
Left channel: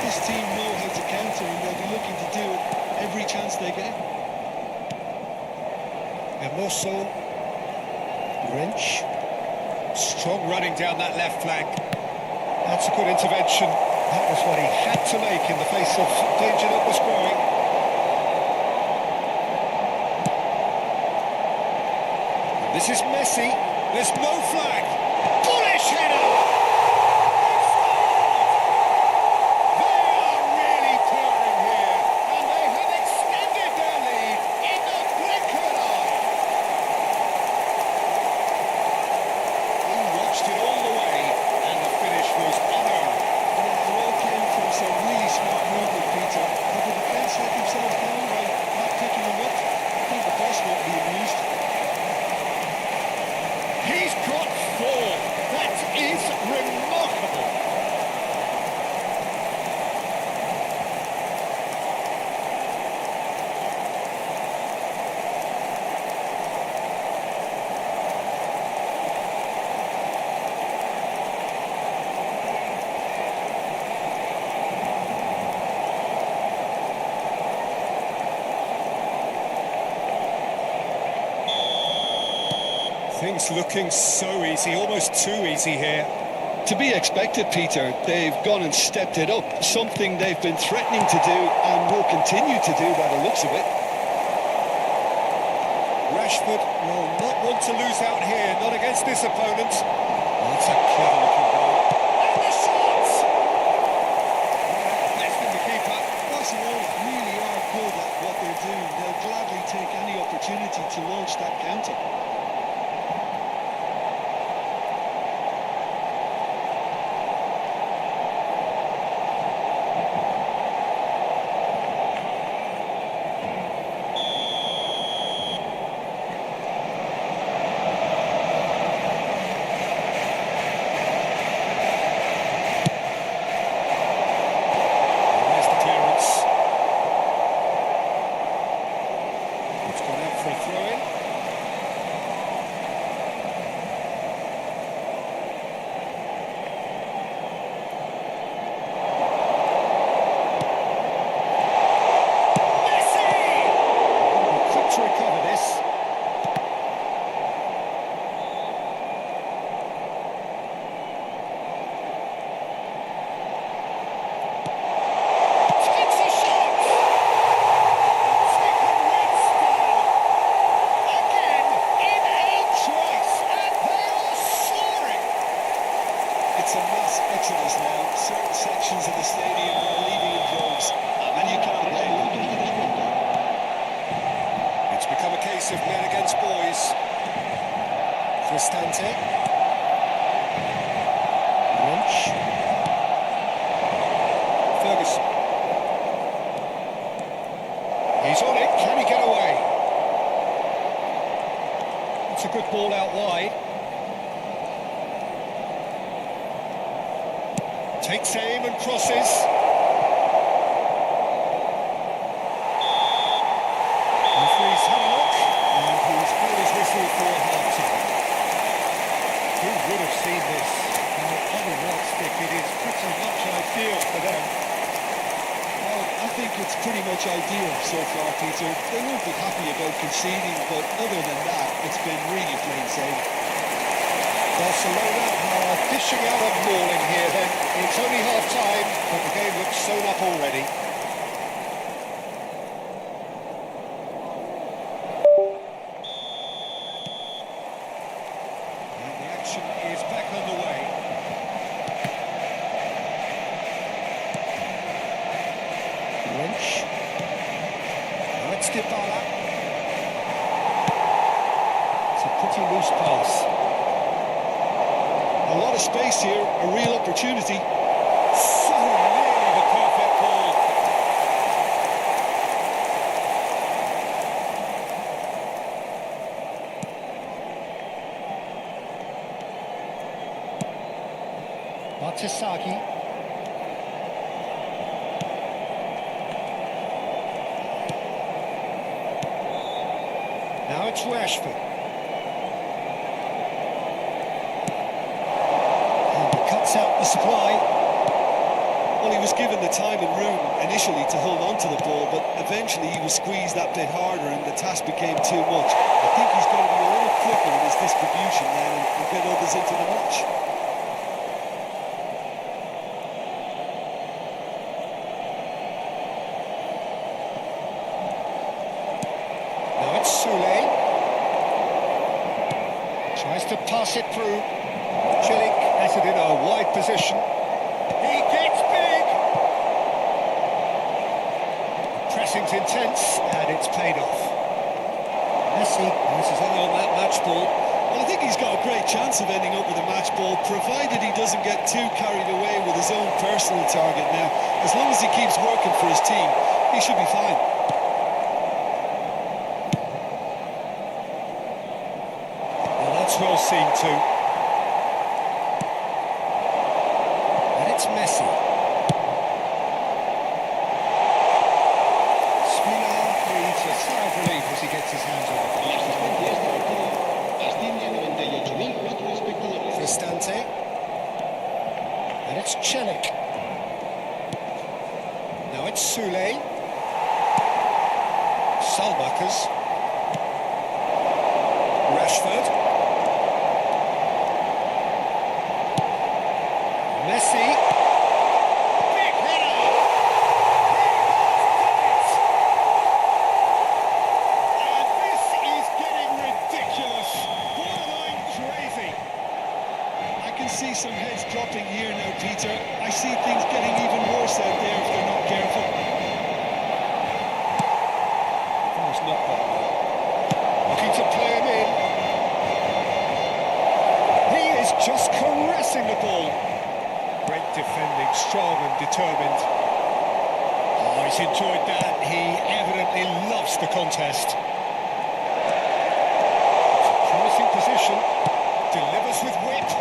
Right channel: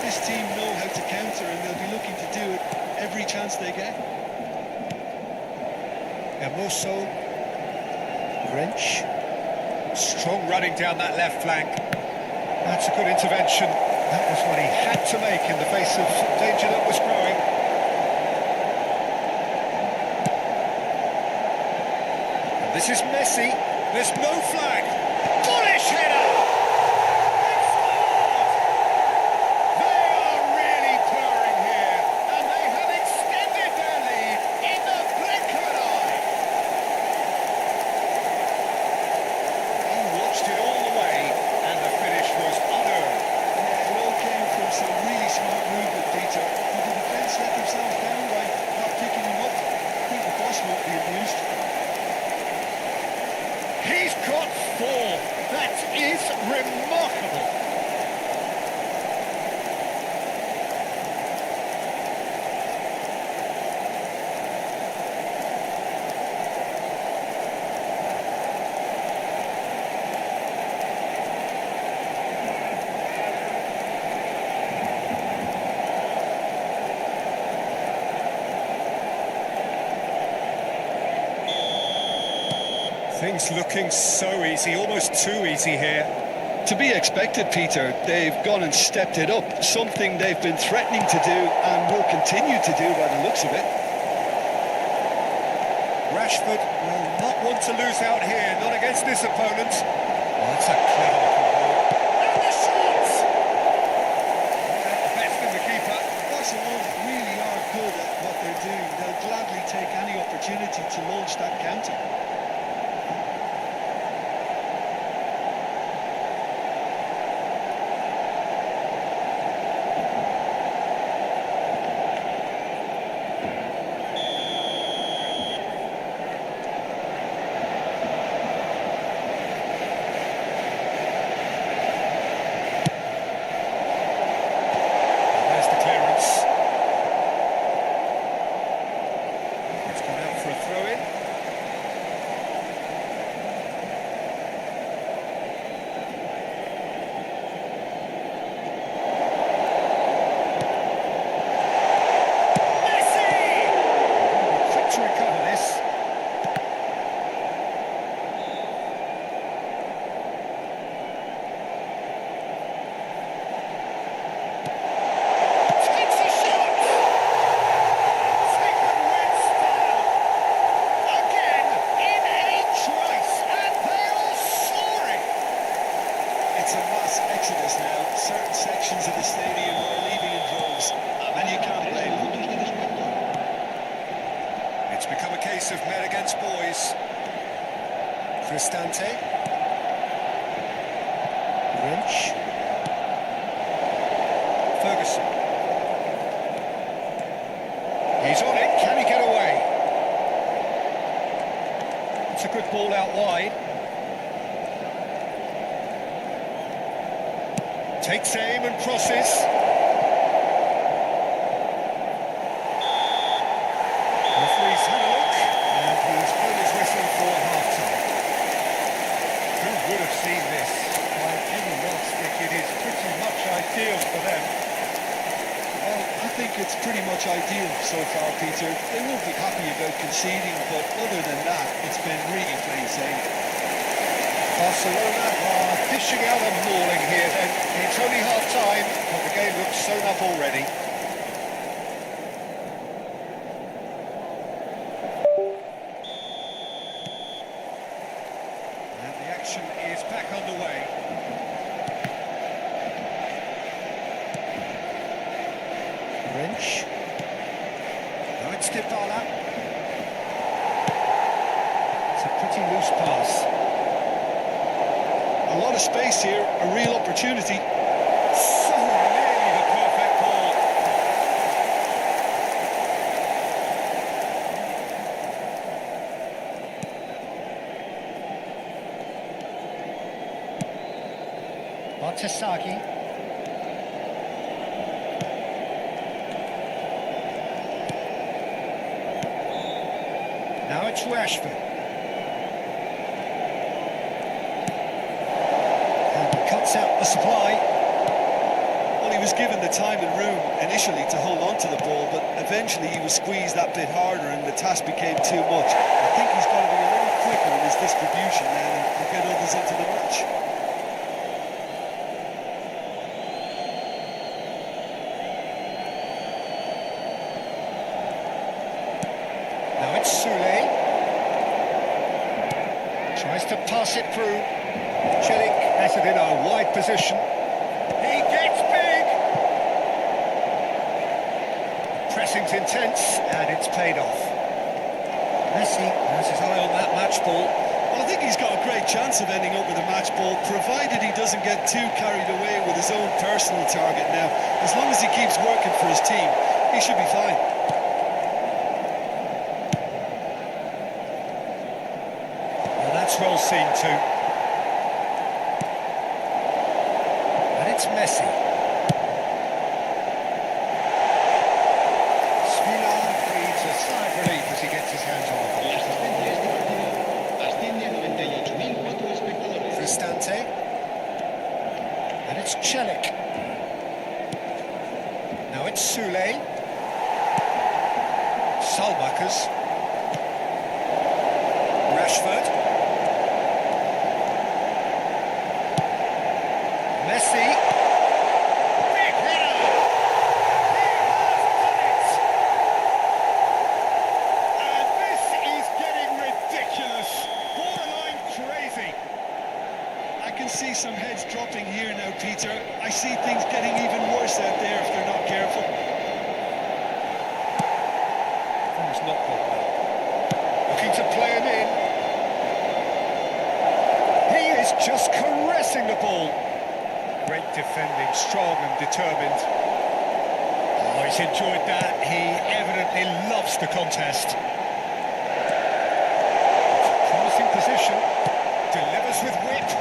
This team know how to counter, and they'll be looking to do it every chance they get. Hermoso. Wrench. Strong running down that left flank. That's a good intervention. That was what he had to make in the face of danger that was growing. And this is Messi. There's no flag. Bullish header! They've scored! They are really purring here, and they have extended their lead in the blink of an eye. He watched it all the way, and the finish was unerring. Yeah, it all came from some really smart movement, Peter. Would the defence let themselves down by not picking him up? I think the boss won't be amused. He's got 4. That is remarkable. Things looking so easy, almost too easy here. To be expected, Peter. They've gone and stepped it up, something they've been threatening to do and will continue to do by the looks of it. Rashford will not want to lose out here, not against this opponent. Oh, that's a clever-looking ball. And the shots! Best in the keeper. Barcelona really are good at what they're doing. They'll gladly take any opportunity to launch that counter. There's the clearance. It's gone out for a throw-in. Messi! They're going to be quick to recover this. Twice, and they are soaring! It's a mass exodus now. Certain sections of the stadium are leaving in droves, and you can't blame them. It's become a case of men against boys. Cristante. Wrench. Ferguson. He's on it, can he get away? It's a good ball out wide. Takes aim and crosses. Referee's had a look, and he's blown his whistle for half-time. Who would have seen this? By any yardstick, it is pretty much ideal for them. Well, I think it's pretty much ideal so far, Peter. They won't be happy about conceding, but other than that, it's been really plain sailing. Barcelona are dishing out a mauling here then. It's only half-time, but the game looks sewn up already. And the action is back underway. Wrench. Now it's Dybala. It's a pretty loose pass. A lot of space here, a real opportunity. So nearly the perfect ball. Bartesaghi. Now it's Rashford. And he cuts out the supply. Well, he was given the time and room initially to hold on to the ball, but eventually he was squeezed that bit harder and the task became too much. I think he's got to be a little quicker in his distribution then and get others into the match. Now it's Sule. Tries to pass it through. Chilik has it in a wide position. He gets big. The pressing's intense and it's paid off. Messi has his eye on that match ball. Well, I think he's got a great chance of ending up with a match ball, provided he doesn't get too carried away with his own personal target now. As long as he keeps working for his team, he should be fine. Now that's well seen too. And it's Messi. Villa breathes a sigh of relief as he gets his hands on the ball. La asistencia a este partido asciende a 98.004 espectadores. Cristante. And it's Celik. Now it's Sule. Salmakers. Rashford. Messi. Big header. He has done it. And this is getting ridiculous. Borderline crazy. I can see some heads dropping here now, Peter. I see things getting even worse out there if they're not careful. That has not gone well. Looking to play him in. He is just caressing the ball. Great defending, strong and determined. Oh, he's enjoyed that. He evidently loves the contest. It's a promising position. Delivers with wit.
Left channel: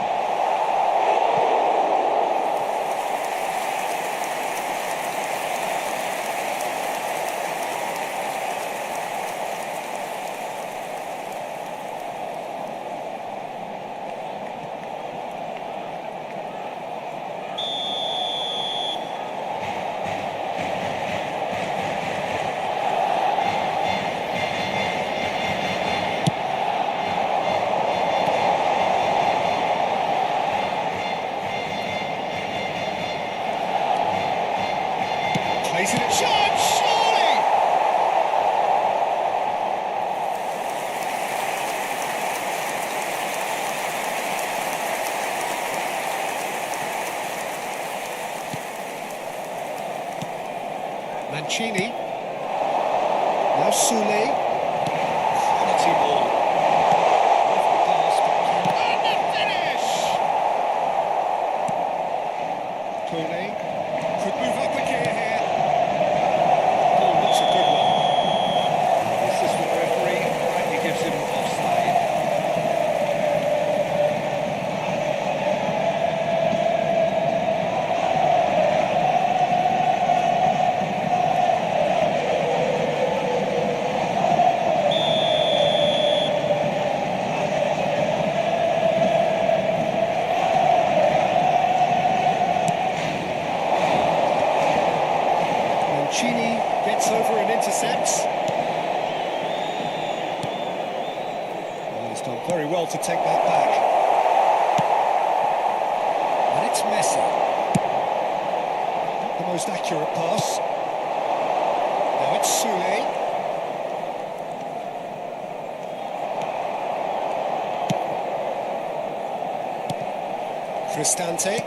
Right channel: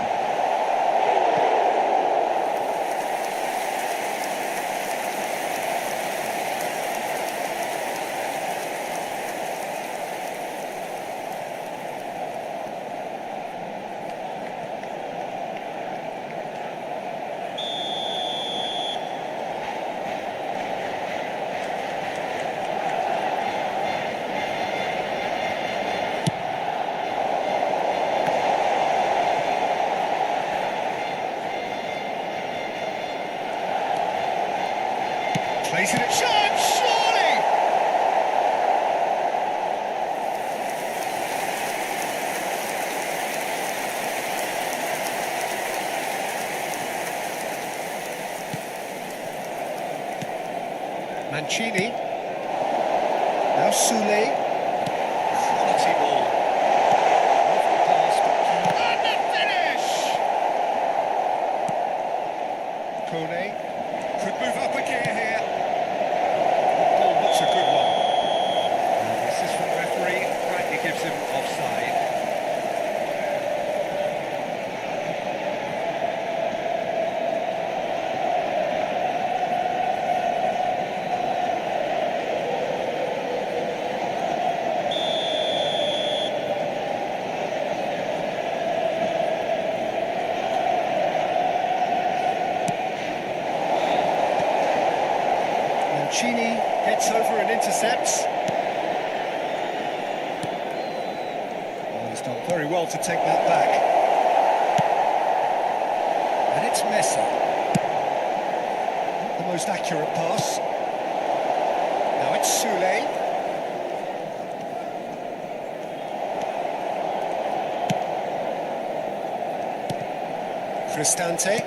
Plays it at shot, surely! Mancini. Now Sule. Quality ball. Lovely pass, but... And the finish! Kone could move up a gear here. Ball looks a good one. And the assistant referee rightly gives him offside. Mancini gets over and intercepts. Oh, he's done very well to take that back. And it's Messi. Not the most accurate pass. Now it's Sule. Cristante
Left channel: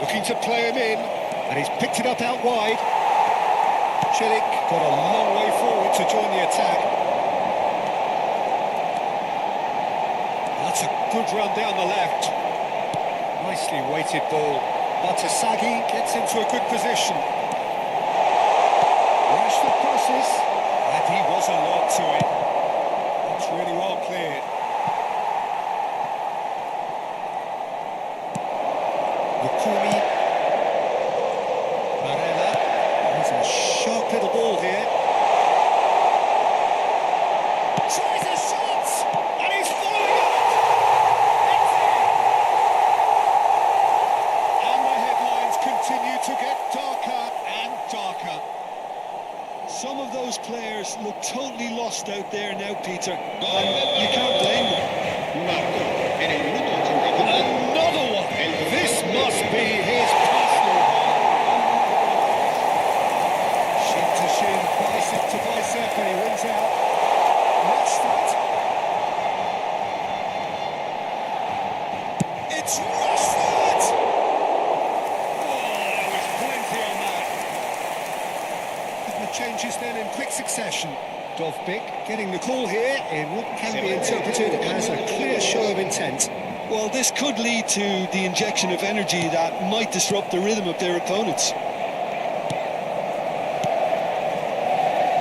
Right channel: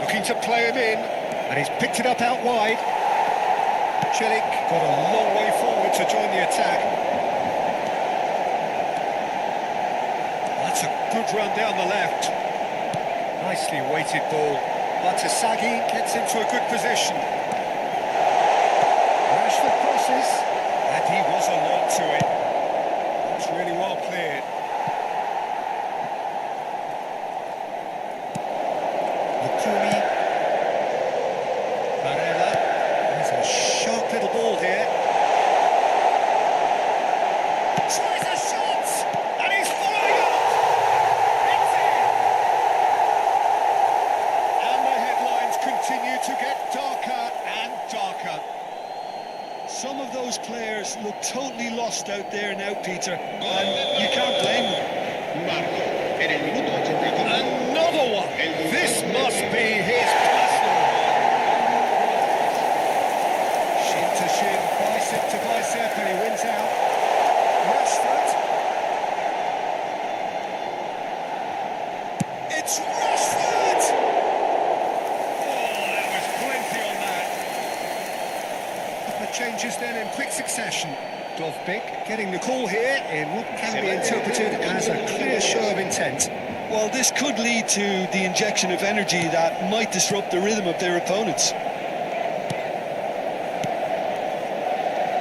looking to play him in, and he's picked it up out wide. Celik got a long way forward to join the attack. That's a good run down the left. Nicely weighted ball. Batasagi gets into a good position. Rashford crosses, and he was alert to it. That's really well cleared. Lukumi. Barella. There's a sharp little ball here. tries a shot, and he's following up. It's in. And the headlines continue to get darker and darker. Some of those players look totally lost out there now, Peter, and you can't blame them. Marcó en el minuto 85. Another one. El dorsal This 13. must be his personal high. Cambio de jugadores. Shin to shin, bicep to bicep, and he wins out. Rashford. It's Rashford! Oh, there was plenty on that. Couple of changes then in quick succession. Dovbyk getting the call here in what can be interpreted as a clear show of intent. Well, this could lead to the injection of energy that might disrupt the rhythm of their opponents.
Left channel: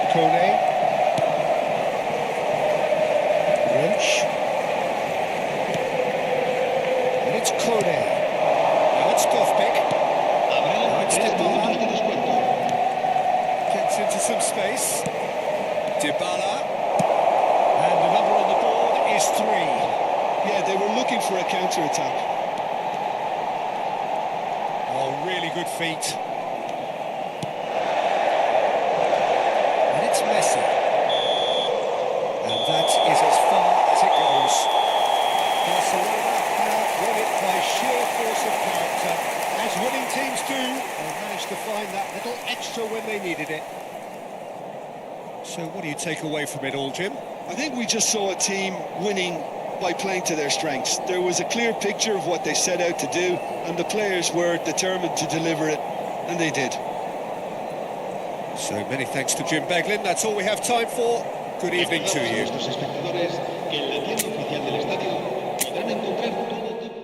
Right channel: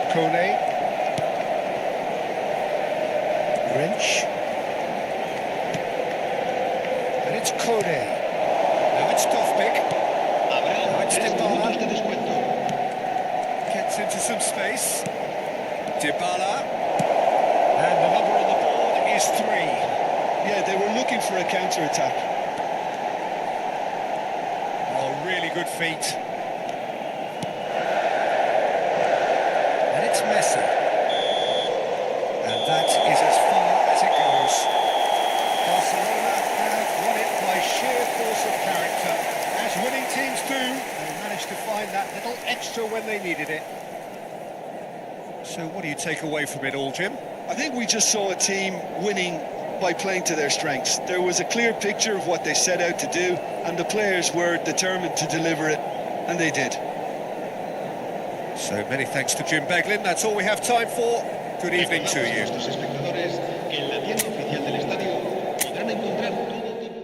Kone. Wrench. And it's Kone. Now it's Dovbyk. Habrá No, it's 3 Dybala. minutos de descuento. Gets into some space. Dybala. And the number on the board is 3. Yeah, they were looking for a counter-attack. Oh, really good feet. And it's Messi. And that is as far as it goes. Barcelona have won it by sheer force of character. As winning teams do, they managed to find that little extra when they needed it. So what do you take away from it all, Jim? I think we just saw a team winning by playing to their strengths. There was a clear picture of what they set out to do, and the players were determined to deliver it, and they did. So many thanks to Jim Beglin. That's all we have time for. Good evening to Recordamos a you. nuestros espectadores que en la tienda oficial del estadio podrán encontrar todo tipo.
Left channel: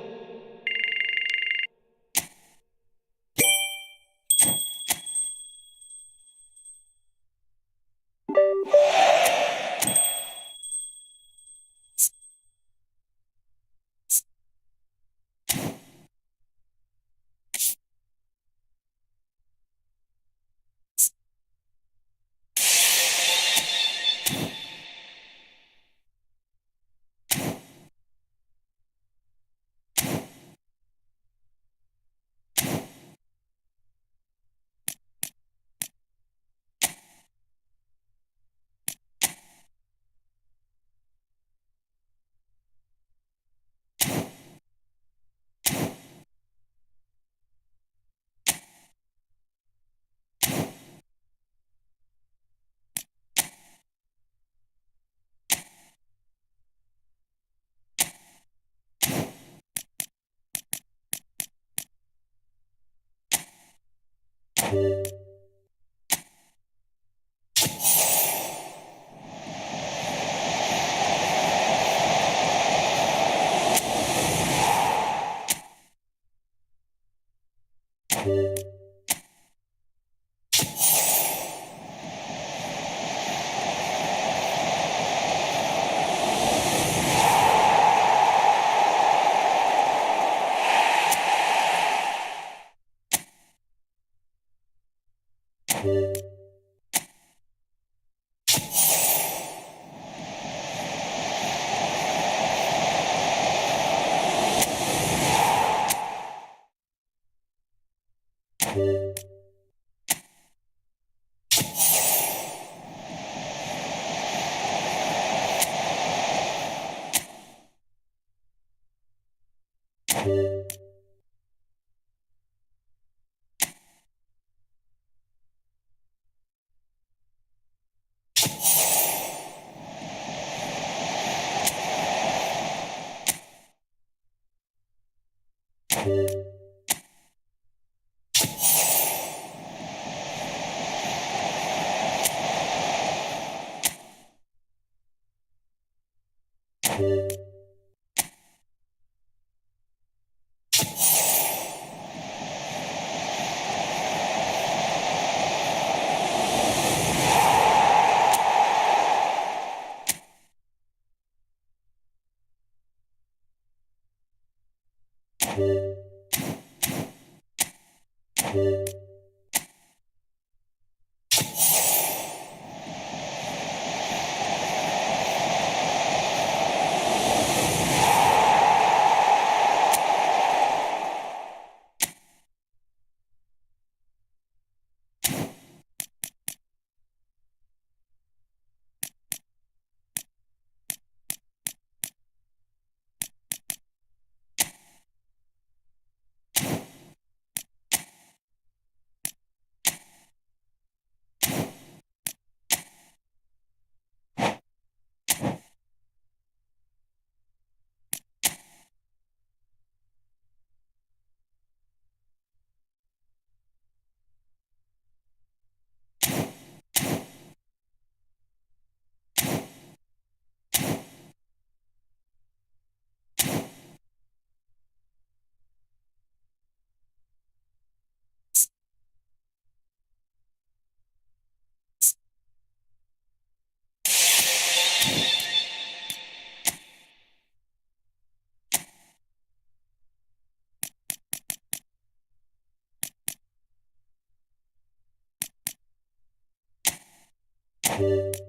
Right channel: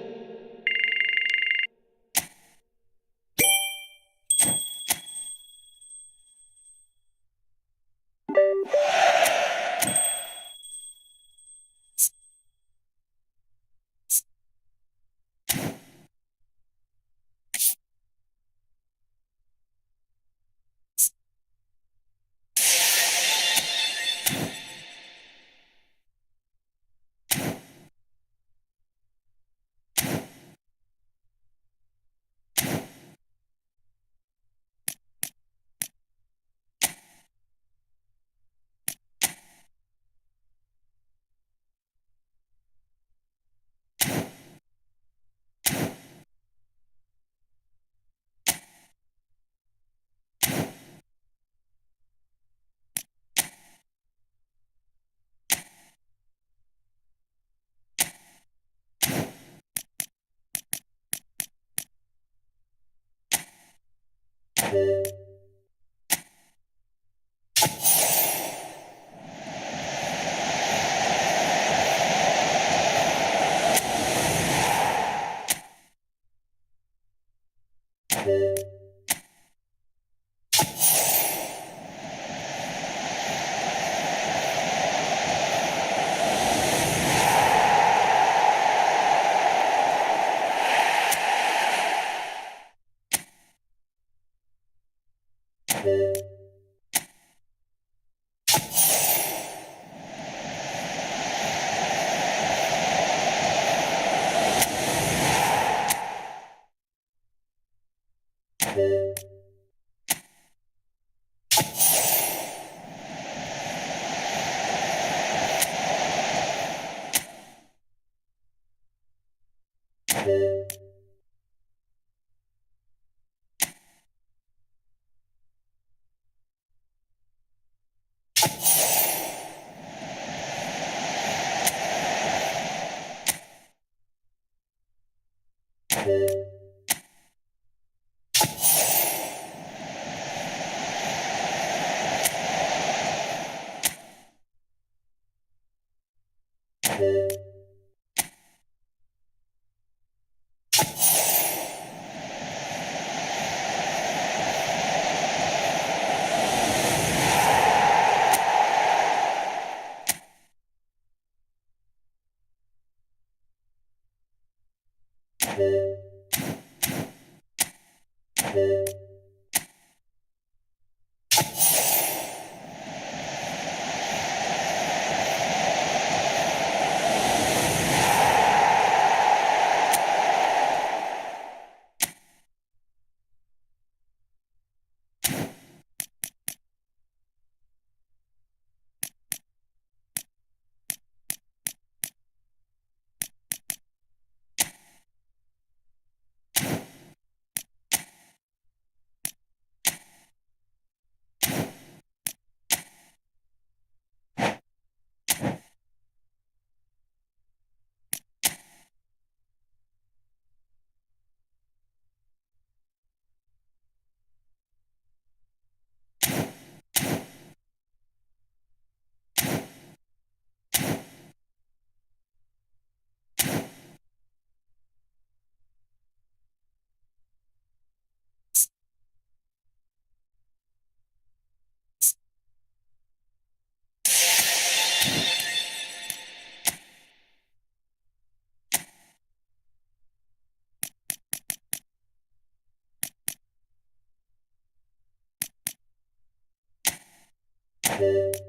guys.